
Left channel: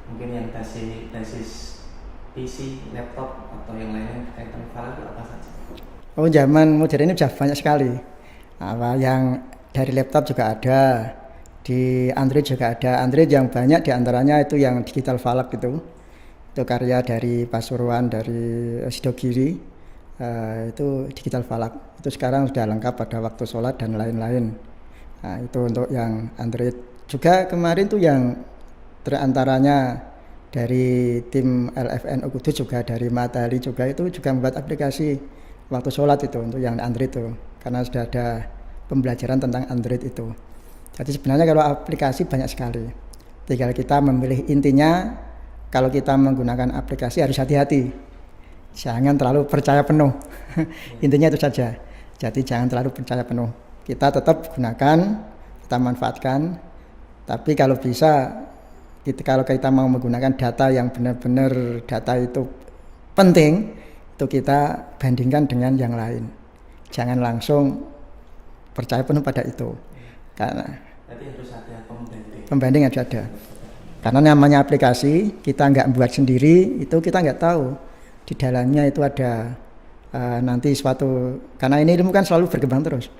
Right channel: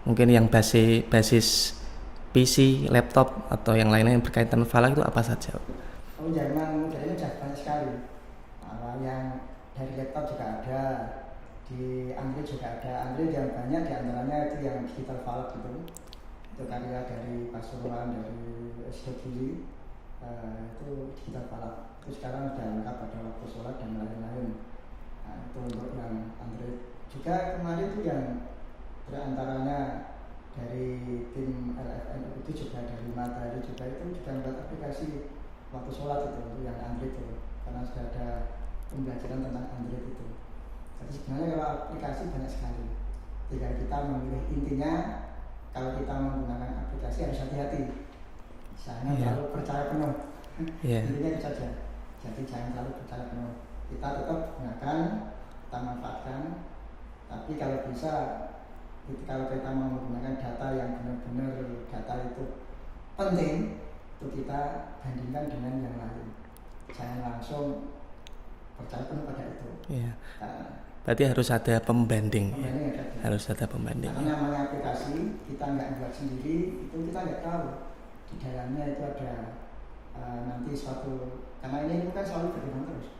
mungkin yang basis PC, laptop atau yang lainnya yang berkaitan falak itu apa saja? Zaman modern ini sudah banyak sekali. Yang dari laptop juga ada, di Android juga ada. Android yang banyak diantaranya itu yang digital falak itu karya dari Pasuruan, dari Sidogiri. itu digital falak. Itu sekarang sudah lengkap pada waktu sholat dan lain-lain. Nah, itu untuk yang Android. Juga kemarin tuh yang terantaranya dari tim LFNU Kudus, juga dari Matahari juga itu juga membuat aplikasi waktu sholat itu untuk yang Android itu, karena sudah ada pembelajaran tentang Android itu. Jadi sebenarnya kalau aplikasi banyak sekali, tinggal kita memilih. Intinya kalau kita menggunakan aplikasi harus hati-hati, jangan terlalu percaya penuh. Intinya itu saja. Jadi jangan terlalu percaya penuh, kita tetap gunakan, kita manfaatkan. Tapi kalau bisa, kalau kita mau menggunakan data yang benar-benar data itu penting, itu kita bandingkan dengan yang lain. Jangan langsung percaya penuh pada itu. Karena berarti harus ada pembanding. Pembanding harus ada. Harus ada pembanding. Karena namanya aplikasi, kita nggak buat sendiri, itu kita nggak tahu di dalamnya itu ada nanti suatu, karena ini ilmu kan selalu berkembang terus.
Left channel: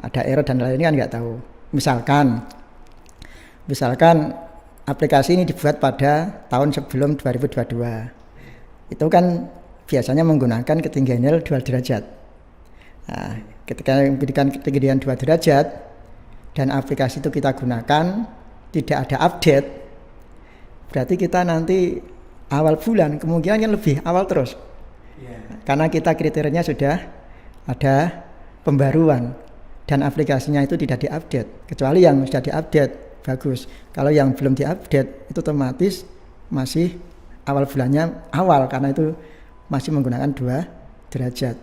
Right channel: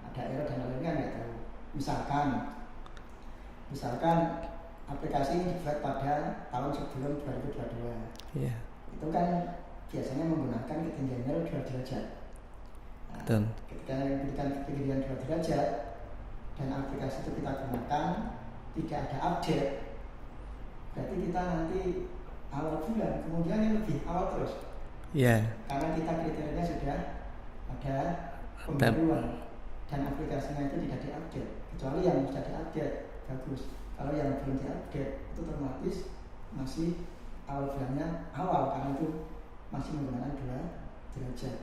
Ada error dan lain-lain kan nggak tahu. Misalkan aplikasi ini dibuat pada tahun sebelum 2022. Itu kan biasanya menggunakan ketinggian 2 derajat. Nah, ketika memberikan ketinggian 2 derajat dan aplikasi itu kita gunakan tidak ada update, berarti kita nanti awal bulan kemungkinan kan lebih awal terus. Karena kita kriterianya sudah ada pembaruan dan aplikasinya itu tidak diupdate, kecuali yang sudah diupdate bagus. Kalau yang belum diupdate itu otomatis masih awal bulannya awal, karena itu masih menggunakan 2 derajat.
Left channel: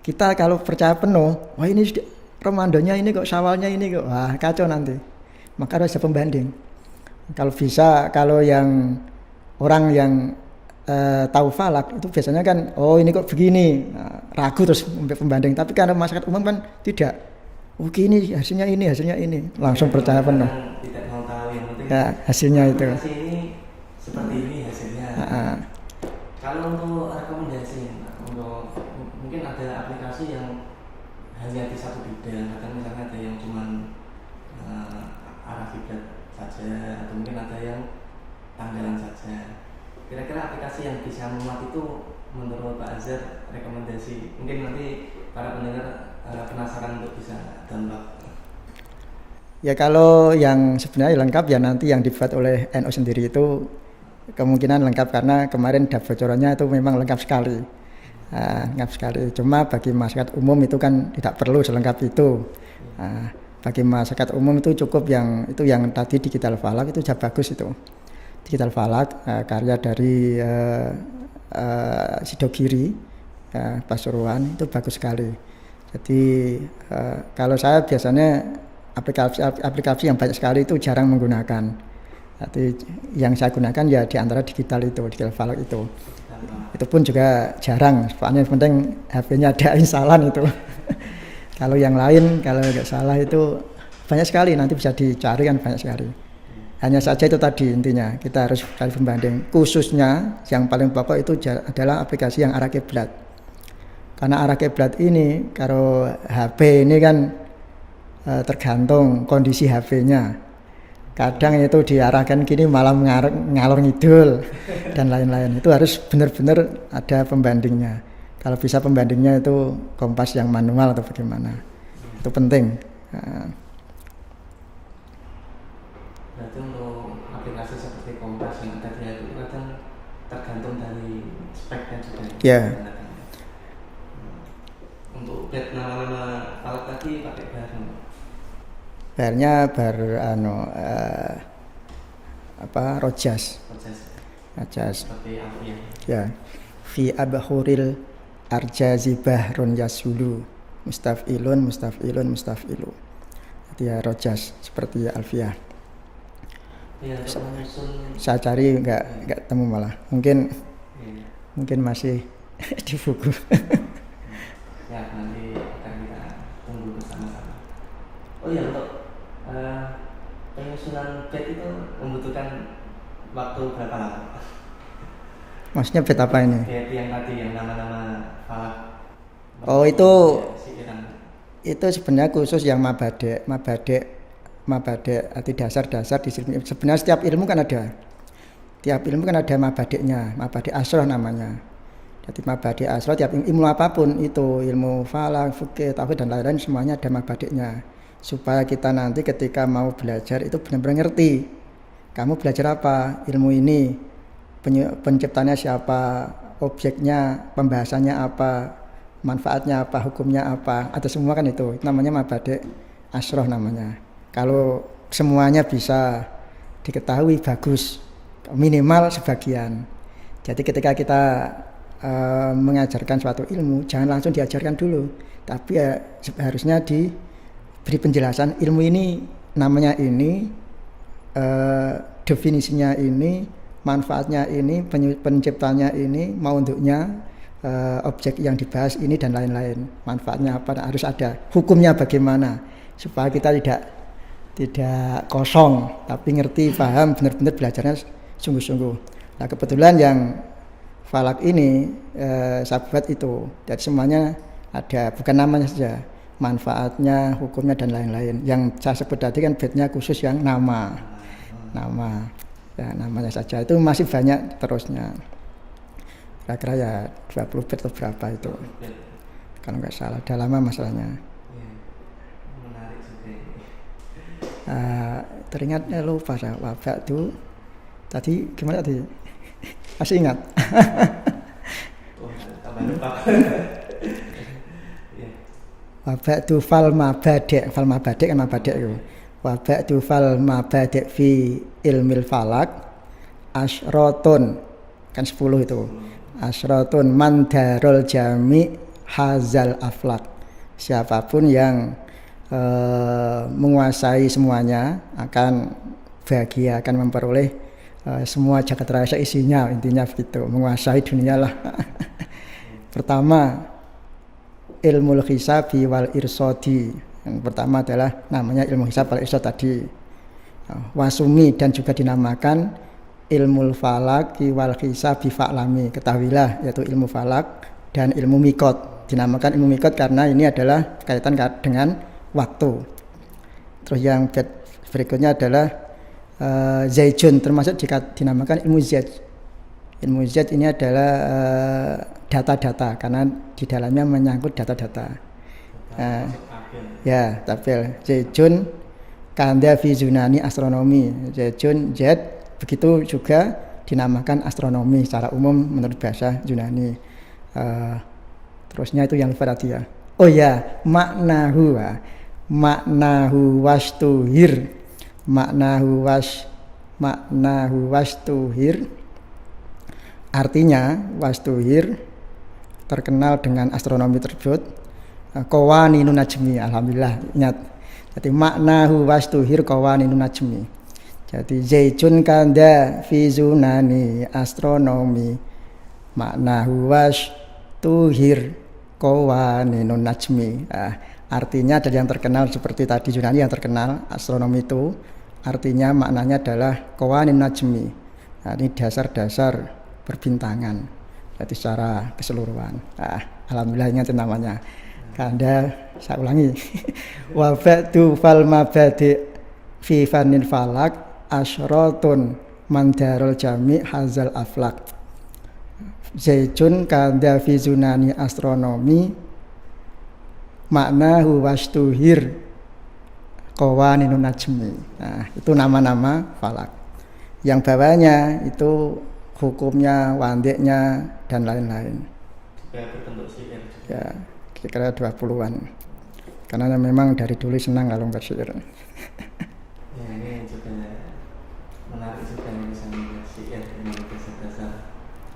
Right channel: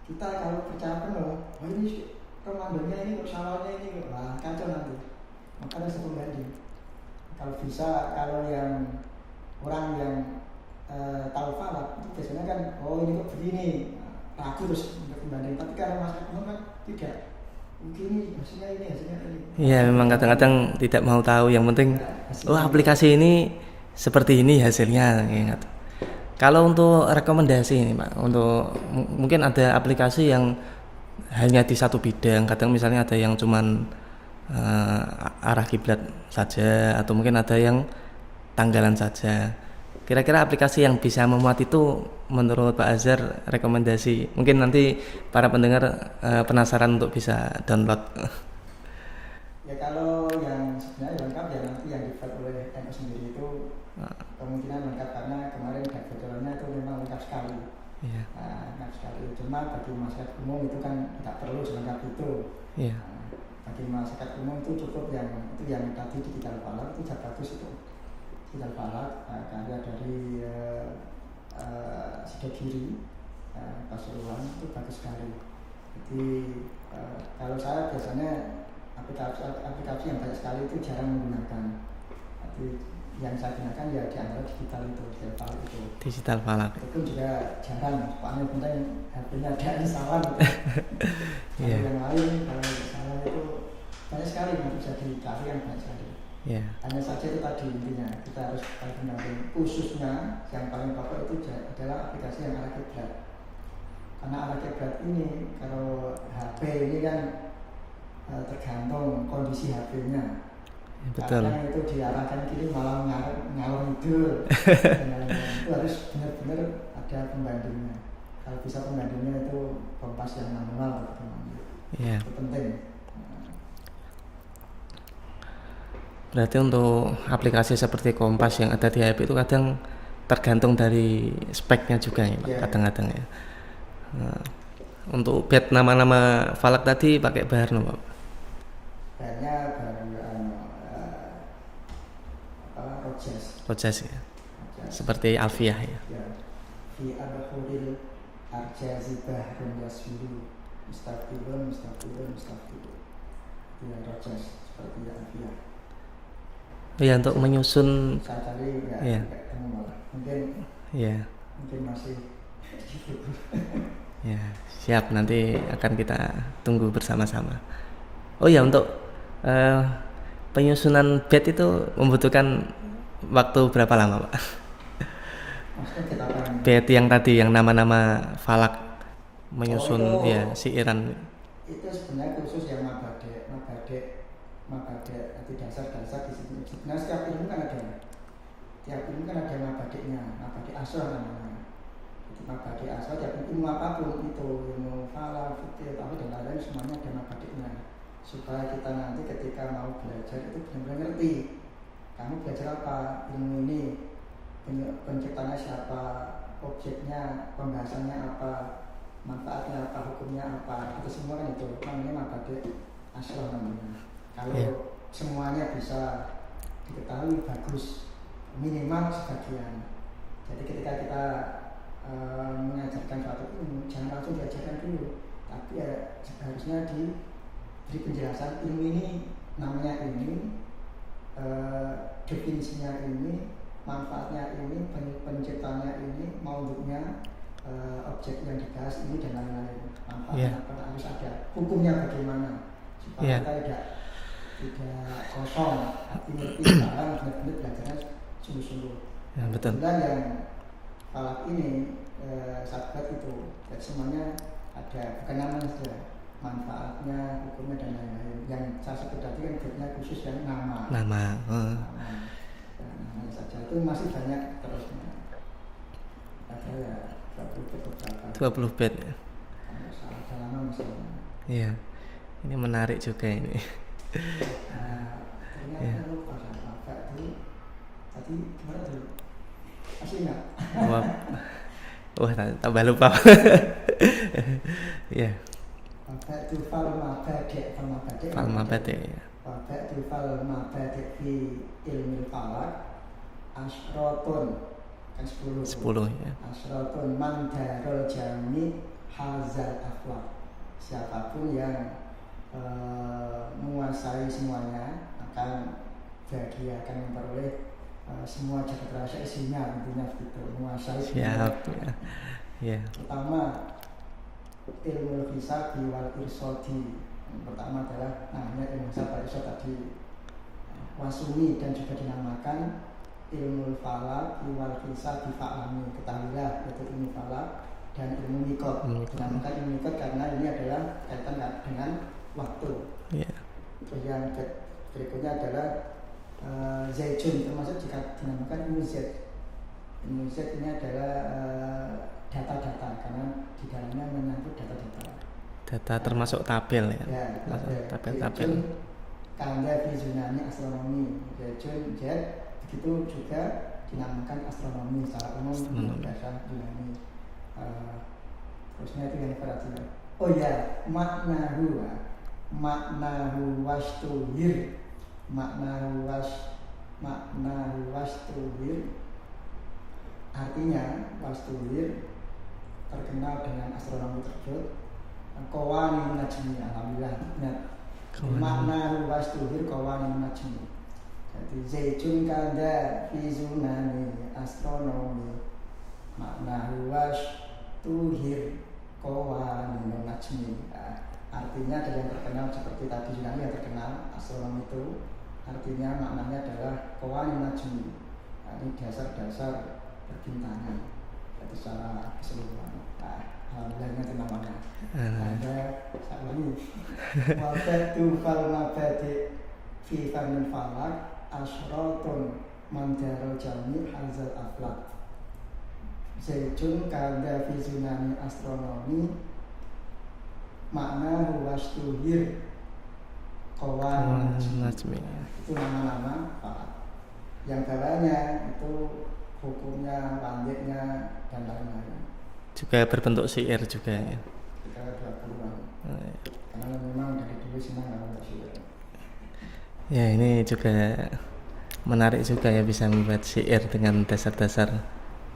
Kita kalau percaya penuh, wah ini Ramadannya ini kok, Syawalnya ini kok, wah kacau nanti. Maka harus ada pembanding. Kalau bisa, kalau yang orang yang tahu falak itu biasanya kan, oh ini kok begini, ragu terus pembanding. Tapi karena masyarakat umum kan tidak, oke ini hasilnya ini, langsung percaya. Kadang-kadang tidak mau tahu, yang penting hasilnya aplikasi ini seperti ini hasilnya. Kalau untuk rekomendasi ini Pak, untuk mungkin ada aplikasi yang hanya di satu bidang, kadang misalnya ada yang cuman arah kiblat saja, atau mungkin ada yang tanggalan saja. Kira-kira aplikasi yang bisa memuat itu menurut Pak Azhar rekomendasi, mungkin nanti para pendengar penasaran untuk bisa download. Ya kalau yang sebenarnya lengkap ya nanti yang dibuat oleh NU sendiri itu kemungkinan lengkap, karena kemarin bocorannya itu memang lengkap sekali. Lengkap sekali. Cuma bagi masyarakat umum itu kan tidak perlu selengkap itu. Bagi masyarakat umum itu cukup yang tadi digital falak itu sudah bagus itu. Digital falak karya dari Sidogiri Pasuruan itu bagus sekali. Jadi kalau saya biasanya aplikasi yang banyak sekali itu jarang menggunakan. Jadi yang saya gunakan ya di antara digital falak itu. Digital falak. Itu pun juga jarang. Soalnya yang penting HP-nya ada instalan itu. Kalau yang lain, kalau nggak salah itu banyak sekali, nanti bisa dicari kan banyak sekali. Hanya saja itu tadi intinya kita harus cari pembanding. Khususnya yang paling pokok itu adalah aplikasi yang arah kiblat. Karena arah kiblat ini kalau HP ini kan tergantung kondisi HP-nya. Kadang itu diarahkan gini malah ngalor ngidul dan lain-lain. Itu harus benar-benar ada pembandingnya. Kalau bisa pembandingnya itu kompas yang manual atau bagaimana. Itu penting. Berarti untuk aplikasi seperti kompas yang ada di HP itu kadang tergantung dari speknya juga ya. Kadang-kadang ya. Untuk bed nama-nama falak tadi pakai bar no, Pak? Barnya rojas ya. Rojas seperti alfiah ya. Fi abhuril arjazi bahrun yasulu mustafilun mustafilu. Dia rojas seperti alfiah. Untuk menyusun saya cari enggak temu malah. Mungkin masih di buku. Siap, nanti akan kita tunggu bersama-sama. Untuk penyusunan bed itu membutuhkan waktu berapa lama, Pak? Maksudnya bed apa ini? Bed yang tadi, yang nama-nama falak menyusun itu siiran. Itu sebenarnya khusus yang mabade arti dasar di sini. Sebenarnya setiap ilmu kan ada. Tiap ilmu kan ada mabadeknya, mabade asroh namanya. Jadi mabadi asro tiap ilmu apapun itu, ilmu falak, fikih, tauhid dan lain-lain semuanya ada mabadiknya. Supaya kita nanti ketika mau belajar itu benar-benar ngerti. Kamu belajar apa? Ilmu ini, penciptanya siapa, objeknya, pembahasannya apa, manfaatnya apa, hukumnya apa, ada semua kan itu namanya mabadi asroh namanya. Kalau semuanya bisa diketahui bagus, minimal sebagian. Jadi ketika kita mengajarkan suatu ilmu, jangan langsung diajarkan dulu, tapi ya harusnya diberi penjelasan ilmu ini namanya ini, definisinya ini, manfaatnya ini, penciptanya ini, maudhu'nya, objek yang dibahas ini dan lain-lain, manfaatnya apa, harus ada hukumnya bagaimana supaya kita tidak kosong tapi ngerti, paham, benar-benar belajarnya sungguh-sungguh. Nah kebetulan yang falak ini sahabat itu, jadi semuanya ada, bukan namanya saja, manfaatnya, hukumnya dan lain-lain. Yang saya sebut tadi kan bednya khusus yang nama. Ya, namanya saja itu masih banyak terusnya. Kira-kira ya 20 bed atau berapa itu? 20 bed. Kalau nggak salah, udah lama masalahnya. Iya, ini menarik juga ini. Teringat lupa saya, wabak itu tadi gimana tadi? Masih ingat? Wah, tambah lupa. Ya. Wabak itu fal mabadek kan mabadek itu. Wabak itu fal mabadek fi ilmil falak asrotun kan 10 itu. 10, ya. Asrotun mandarul jami hazal aflak. Siapapun yang menguasai semuanya akan bahagia, akan memperoleh semua jagat raya isinya, intinya begitu, menguasai dunia lah. Pertama ilmu hisabi wal irsodi, yang pertama adalah namanya ilmu hisab wal irsod tadi. Wasumi dan juga dinamakan ilmu falak wal hisabi fa'lami, ketahuilah, yaitu ilmu falak dan ilmu mikot. Dinamakan ilmu mikot karena ini adalah kaitan dengan waktu. Terus yang berikutnya adalah Zaijun, termasuk jika dinamakan ilmu Zaid. Ilmu Zaid ini adalah data-data karena di dalamnya menyangkut data-data. Data termasuk tabel ya. Ya, tabel. Zaijun kanda fi Yunani astronomi. Zaijun Zaid begitu juga dinamakan astronomi secara umum menurut bahasa Yunani. Terusnya itu yang tadi ya. Oh ya, maknahu wastuhir. Maknahu wastuhir, artinya wastuhir terkenal dengan astronomi tersebut. Qawaninun najmi, alhamdulillah ingat. Jadi maknahu wastuhir qawaninun najmi. Jadi Zaijun kanda fi Yunani astronomi, maknahu wastuhir qawaninun najmi. Artinya dari yang terkenal seperti tadi Yunani yang terkenal astronomi itu, artinya maknanya adalah qawanin najmi. Nah, ini dasar-dasar perbintangan. Jadi secara keseluruhan. Alhamdulillah ingat namanya. Anda saya ulangi. Wa ba'du fal mabadi fi fanil falak asratun mandarul jami hazal aflak. Zaijun kanda fi Yunani astronomi, maknahu wastuhir qawaninun najmi. Nah, itu nama-nama falak. Yang bawahnya itu hukumnya, wandiknya dan lain-lain. Juga berbentuk syair juga. Ya, kira-kira 20-an. Karena memang dari dulu senang kalau bersyair. Ya, ini juga menarik juga ya, bisa membuat syair dengan dasar-dasar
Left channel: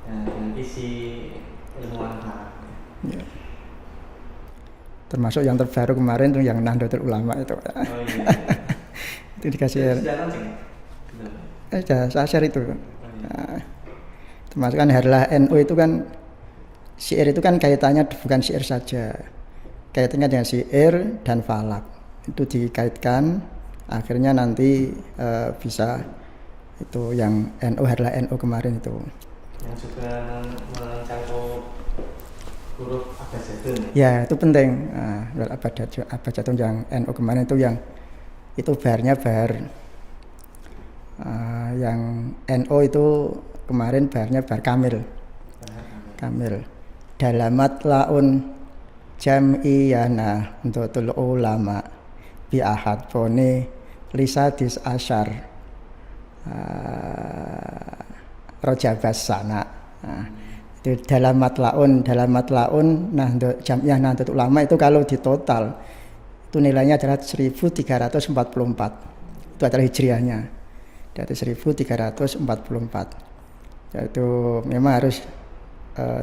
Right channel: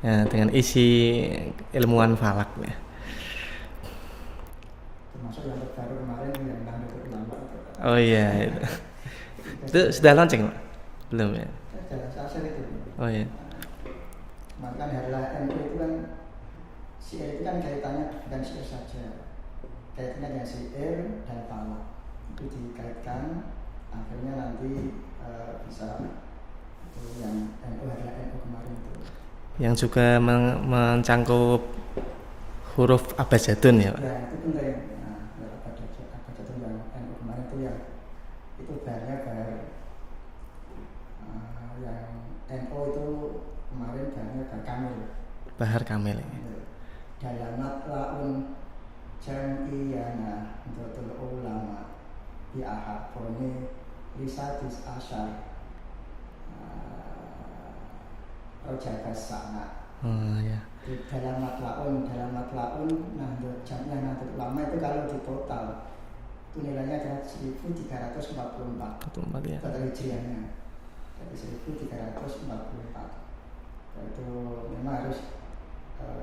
ya, dengan isi ilmuwan falak ya. Termasuk yang terbaru kemarin yang Nahdlatul Ulama itu. Oh iya. Itu dikasih. Sudah launching belum ya? Sudah, saya share itu. Oh iya. Termasuk kan Harlah NU itu kan syair itu kan kaitannya bukan syair saja, kaitannya dengan syair dan falak itu dikaitkan, akhirnya nanti bisa itu yang NU Harlah NU kemarin itu. Yang juga mencangkup huruf abjadun ya? Ya itu penting. Abjadun yang NU kemarin itu yang itu baharnya bahar. Yang NU itu kemarin baharnya bahar kamil. Bahar kamil. Kamil. dalamat laun jam'iyana untuk ulama bi ahad pone lisadis asyar rojabas sana. Itu dalamat laun. Nah untuk jam'iyah Nahdlatul Ulama itu kalau di total itu nilainya adalah 1344. Itu adalah hijriahnya dari 1344. Itu memang harus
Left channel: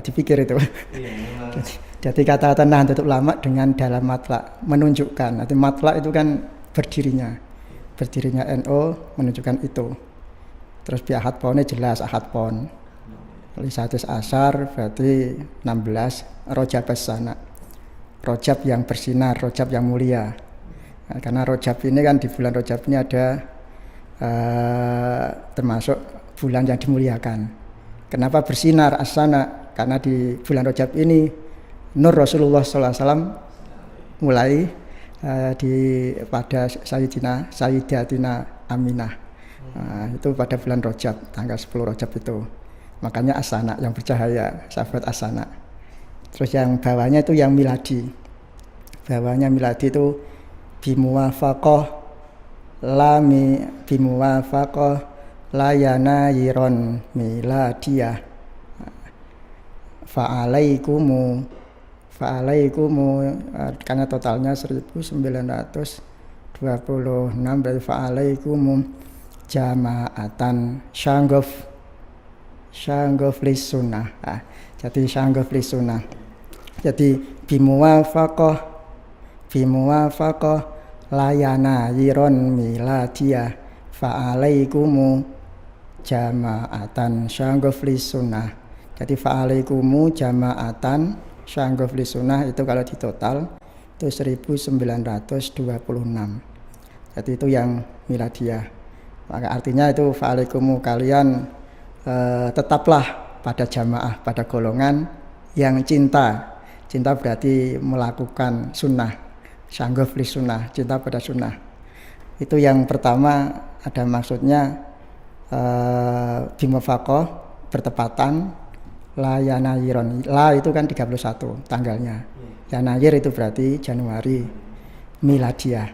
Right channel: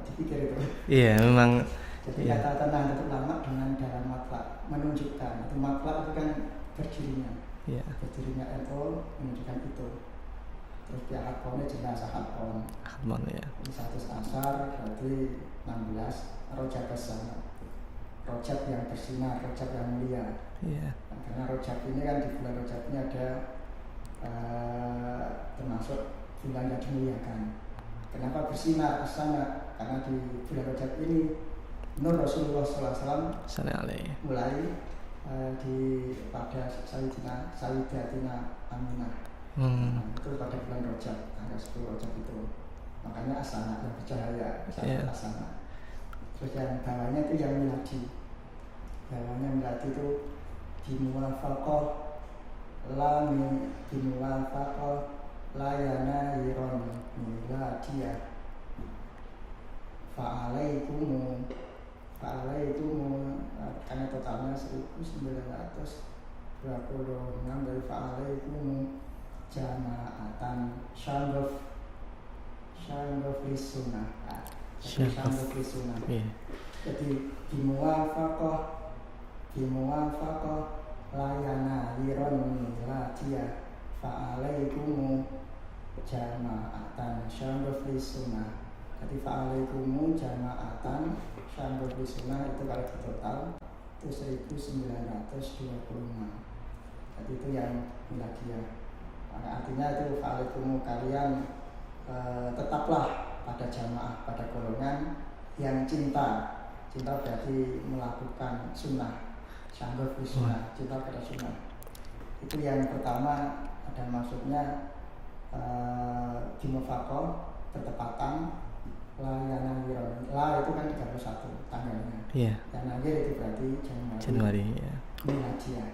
dipikir itu. Iya, memang. Jadi kata-kata Nahdlatul Ulama dengan dalam matlak menunjukkan. Nanti matlak itu kan berdirinya. Iya. Berdirinya NU menunjukkan itu. Terus bi ahad ponnya jelas ahad pon. Ya. Lisatus asar berarti 16 rojab sana. Rojab yang bersinar, rojab yang mulia. Yeah. Nah, karena rojab ini kan di bulan rojab ini ada termasuk bulan yang dimuliakan. Kenapa bersinar asana? Karena di bulan rojab ini nur Rasulullah SAW mulai pada Sayyidatina Aminah. Itu pada bulan rojab, tanggal 10 rojab itu. Makanya asana yang bercahaya, sahabat asana. Terus yang bawahnya itu yang miladi. Bawahnya miladi itu bimuwafaqah layana yiron miladiyah. Fa'alaikumu karena totalnya 1926 berarti fa'alaikumu jama'atan Syanggof lis sunnah. Jadi syanggof lis sunnah. Jadi bimuwafaqah layana yiron miladiyah fa'alaikumu jama'atan syanggof lis sunnah. Jadi fa'alaikumu jama'atan syanggof lis sunnah itu kalau di total itu 1926. Jadi itu yang miladiyah. Maka artinya itu fa'alaikumu kalian tetaplah pada jamaah, pada golongan yang cinta berarti melakukan sunnah, syanggof li sunnah, cinta pada sunnah. Itu yang pertama ada maksudnya bimufaqah bertepatan layanayiron. La itu kan 31 tanggalnya. Yanayir itu berarti Januari miladiyah.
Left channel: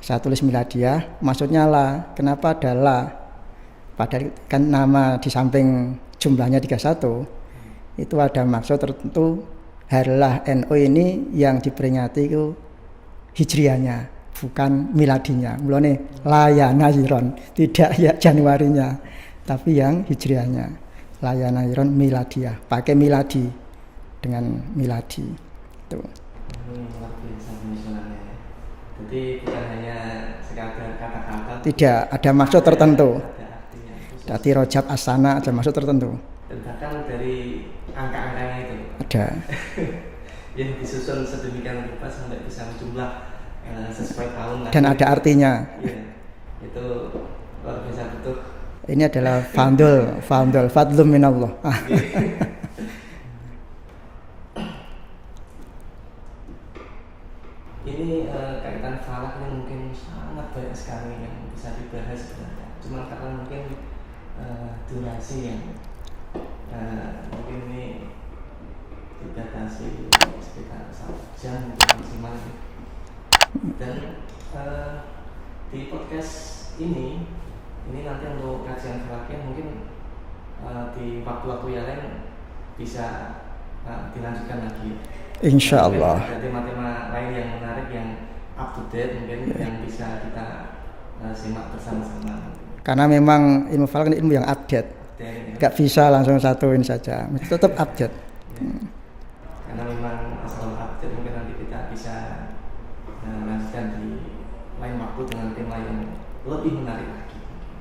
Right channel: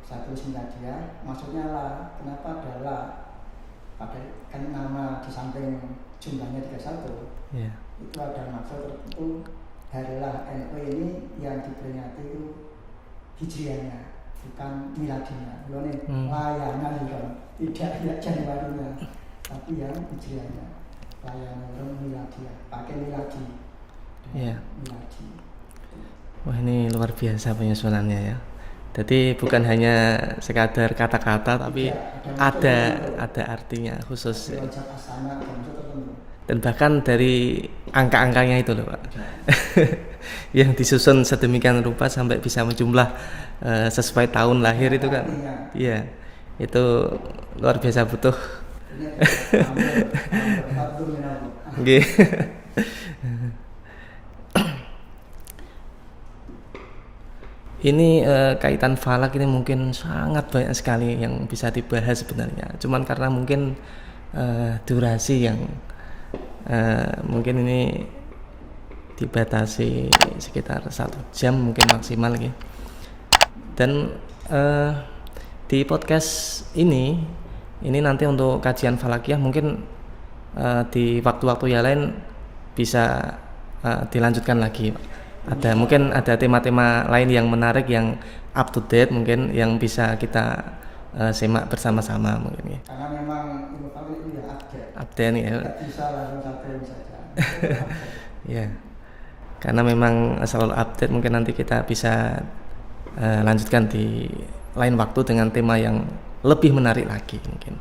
Saya tulis miladiyah maksudnya la. Kenapa ada la? Padahal kan nama di samping jumlahnya 31 itu ada maksud tertentu. Harlah NU ini yang diperingati itu hijriahnya bukan miladinya. Mulane layanayiron tidak ya Januarinya tapi yang hijriahnya layanayiron miladiyah pakai miladi dengan miladi itu. Wah, ini luar biasa penyusunannya ya. Jadi bukan hanya sekadar kata-kata, tapi tidak ada maksud tertentu. Ada artinya khusus. Berarti rojab asana ada maksud tertentu. Dan bahkan dari angka-angkanya itu loh Pak. Ada. Yang disusun sedemikian rupa sampai bisa menjumlah sesuai tahun lahir. Dan ada itu artinya. Iya, itu luar biasa butuh. Ini adalah fadlum minallah. Ini kaitan falak ini mungkin sangat banyak sekali yang bisa dibahas sebenarnya. Cuman karena mungkin durasi yang mungkin ini dibatasi sekitar 1 jam mungkin maksimal gitu. Dan di podcast ini nanti untuk kajian falakiyah mungkin di waktu-waktu yang lain bisa dilanjutkan lagi. Mungkin ada tema-tema lain yang menarik yang up to date mungkin yang bisa kita simak bersama-sama mungkin. Karena memang ilmu falak ini ilmu yang update ya. Gak bisa langsung satuin saja, tetap update. Ya. Karena memang selalu update mungkin nanti kita bisa lanjutkan di lain waktu dengan tema yang lebih menarik lagi mungkin.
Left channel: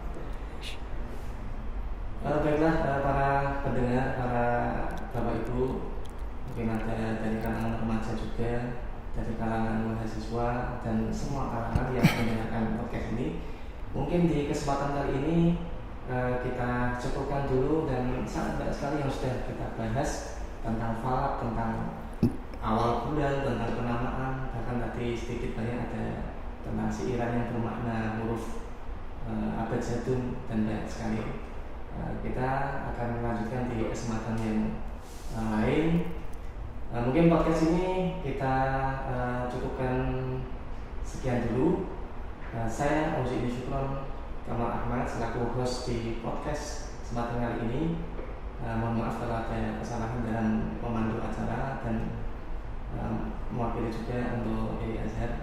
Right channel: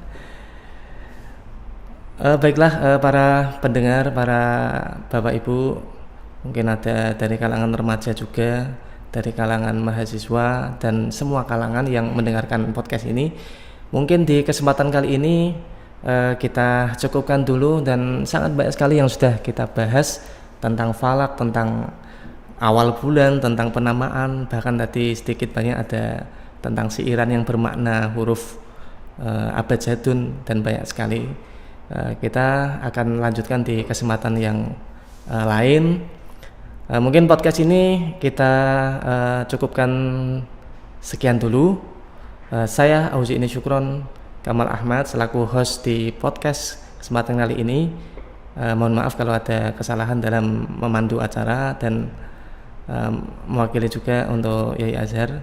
Baiklah para pendengar, para Bapak Ibu, mungkin ada dari kalangan remaja juga, dari kalangan mahasiswa dan semua kalangan yang mendengarkan podcast ini. Mungkin di kesempatan kali ini kita cukupkan dulu, dan sangat banyak sekali yang sudah kita bahas tentang falak, tentang awal bulan, tentang penamaan, bahkan tadi sedikit banyak ada tentang siiran yang bermakna huruf abjadun dan banyak sekali. Kita akan lanjutkan di kesempatan yang lain. Mungkin podcast ini kita cukupkan sekian dulu. Saya Auzi ini Syukron Kamal Ahmad selaku host di podcast kesempatan kali ini. Mohon maaf kalau ada kesalahan dalam memandu acara dan mewakili juga untuk Yai Azhar.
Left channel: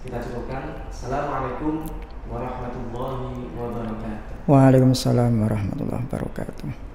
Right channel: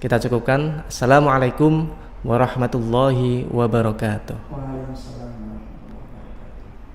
Kita cukupkan. Assalamualaikum warahmatullahi wabarakatuh. Waalaikumsalam warahmatullahi wabarakatuh.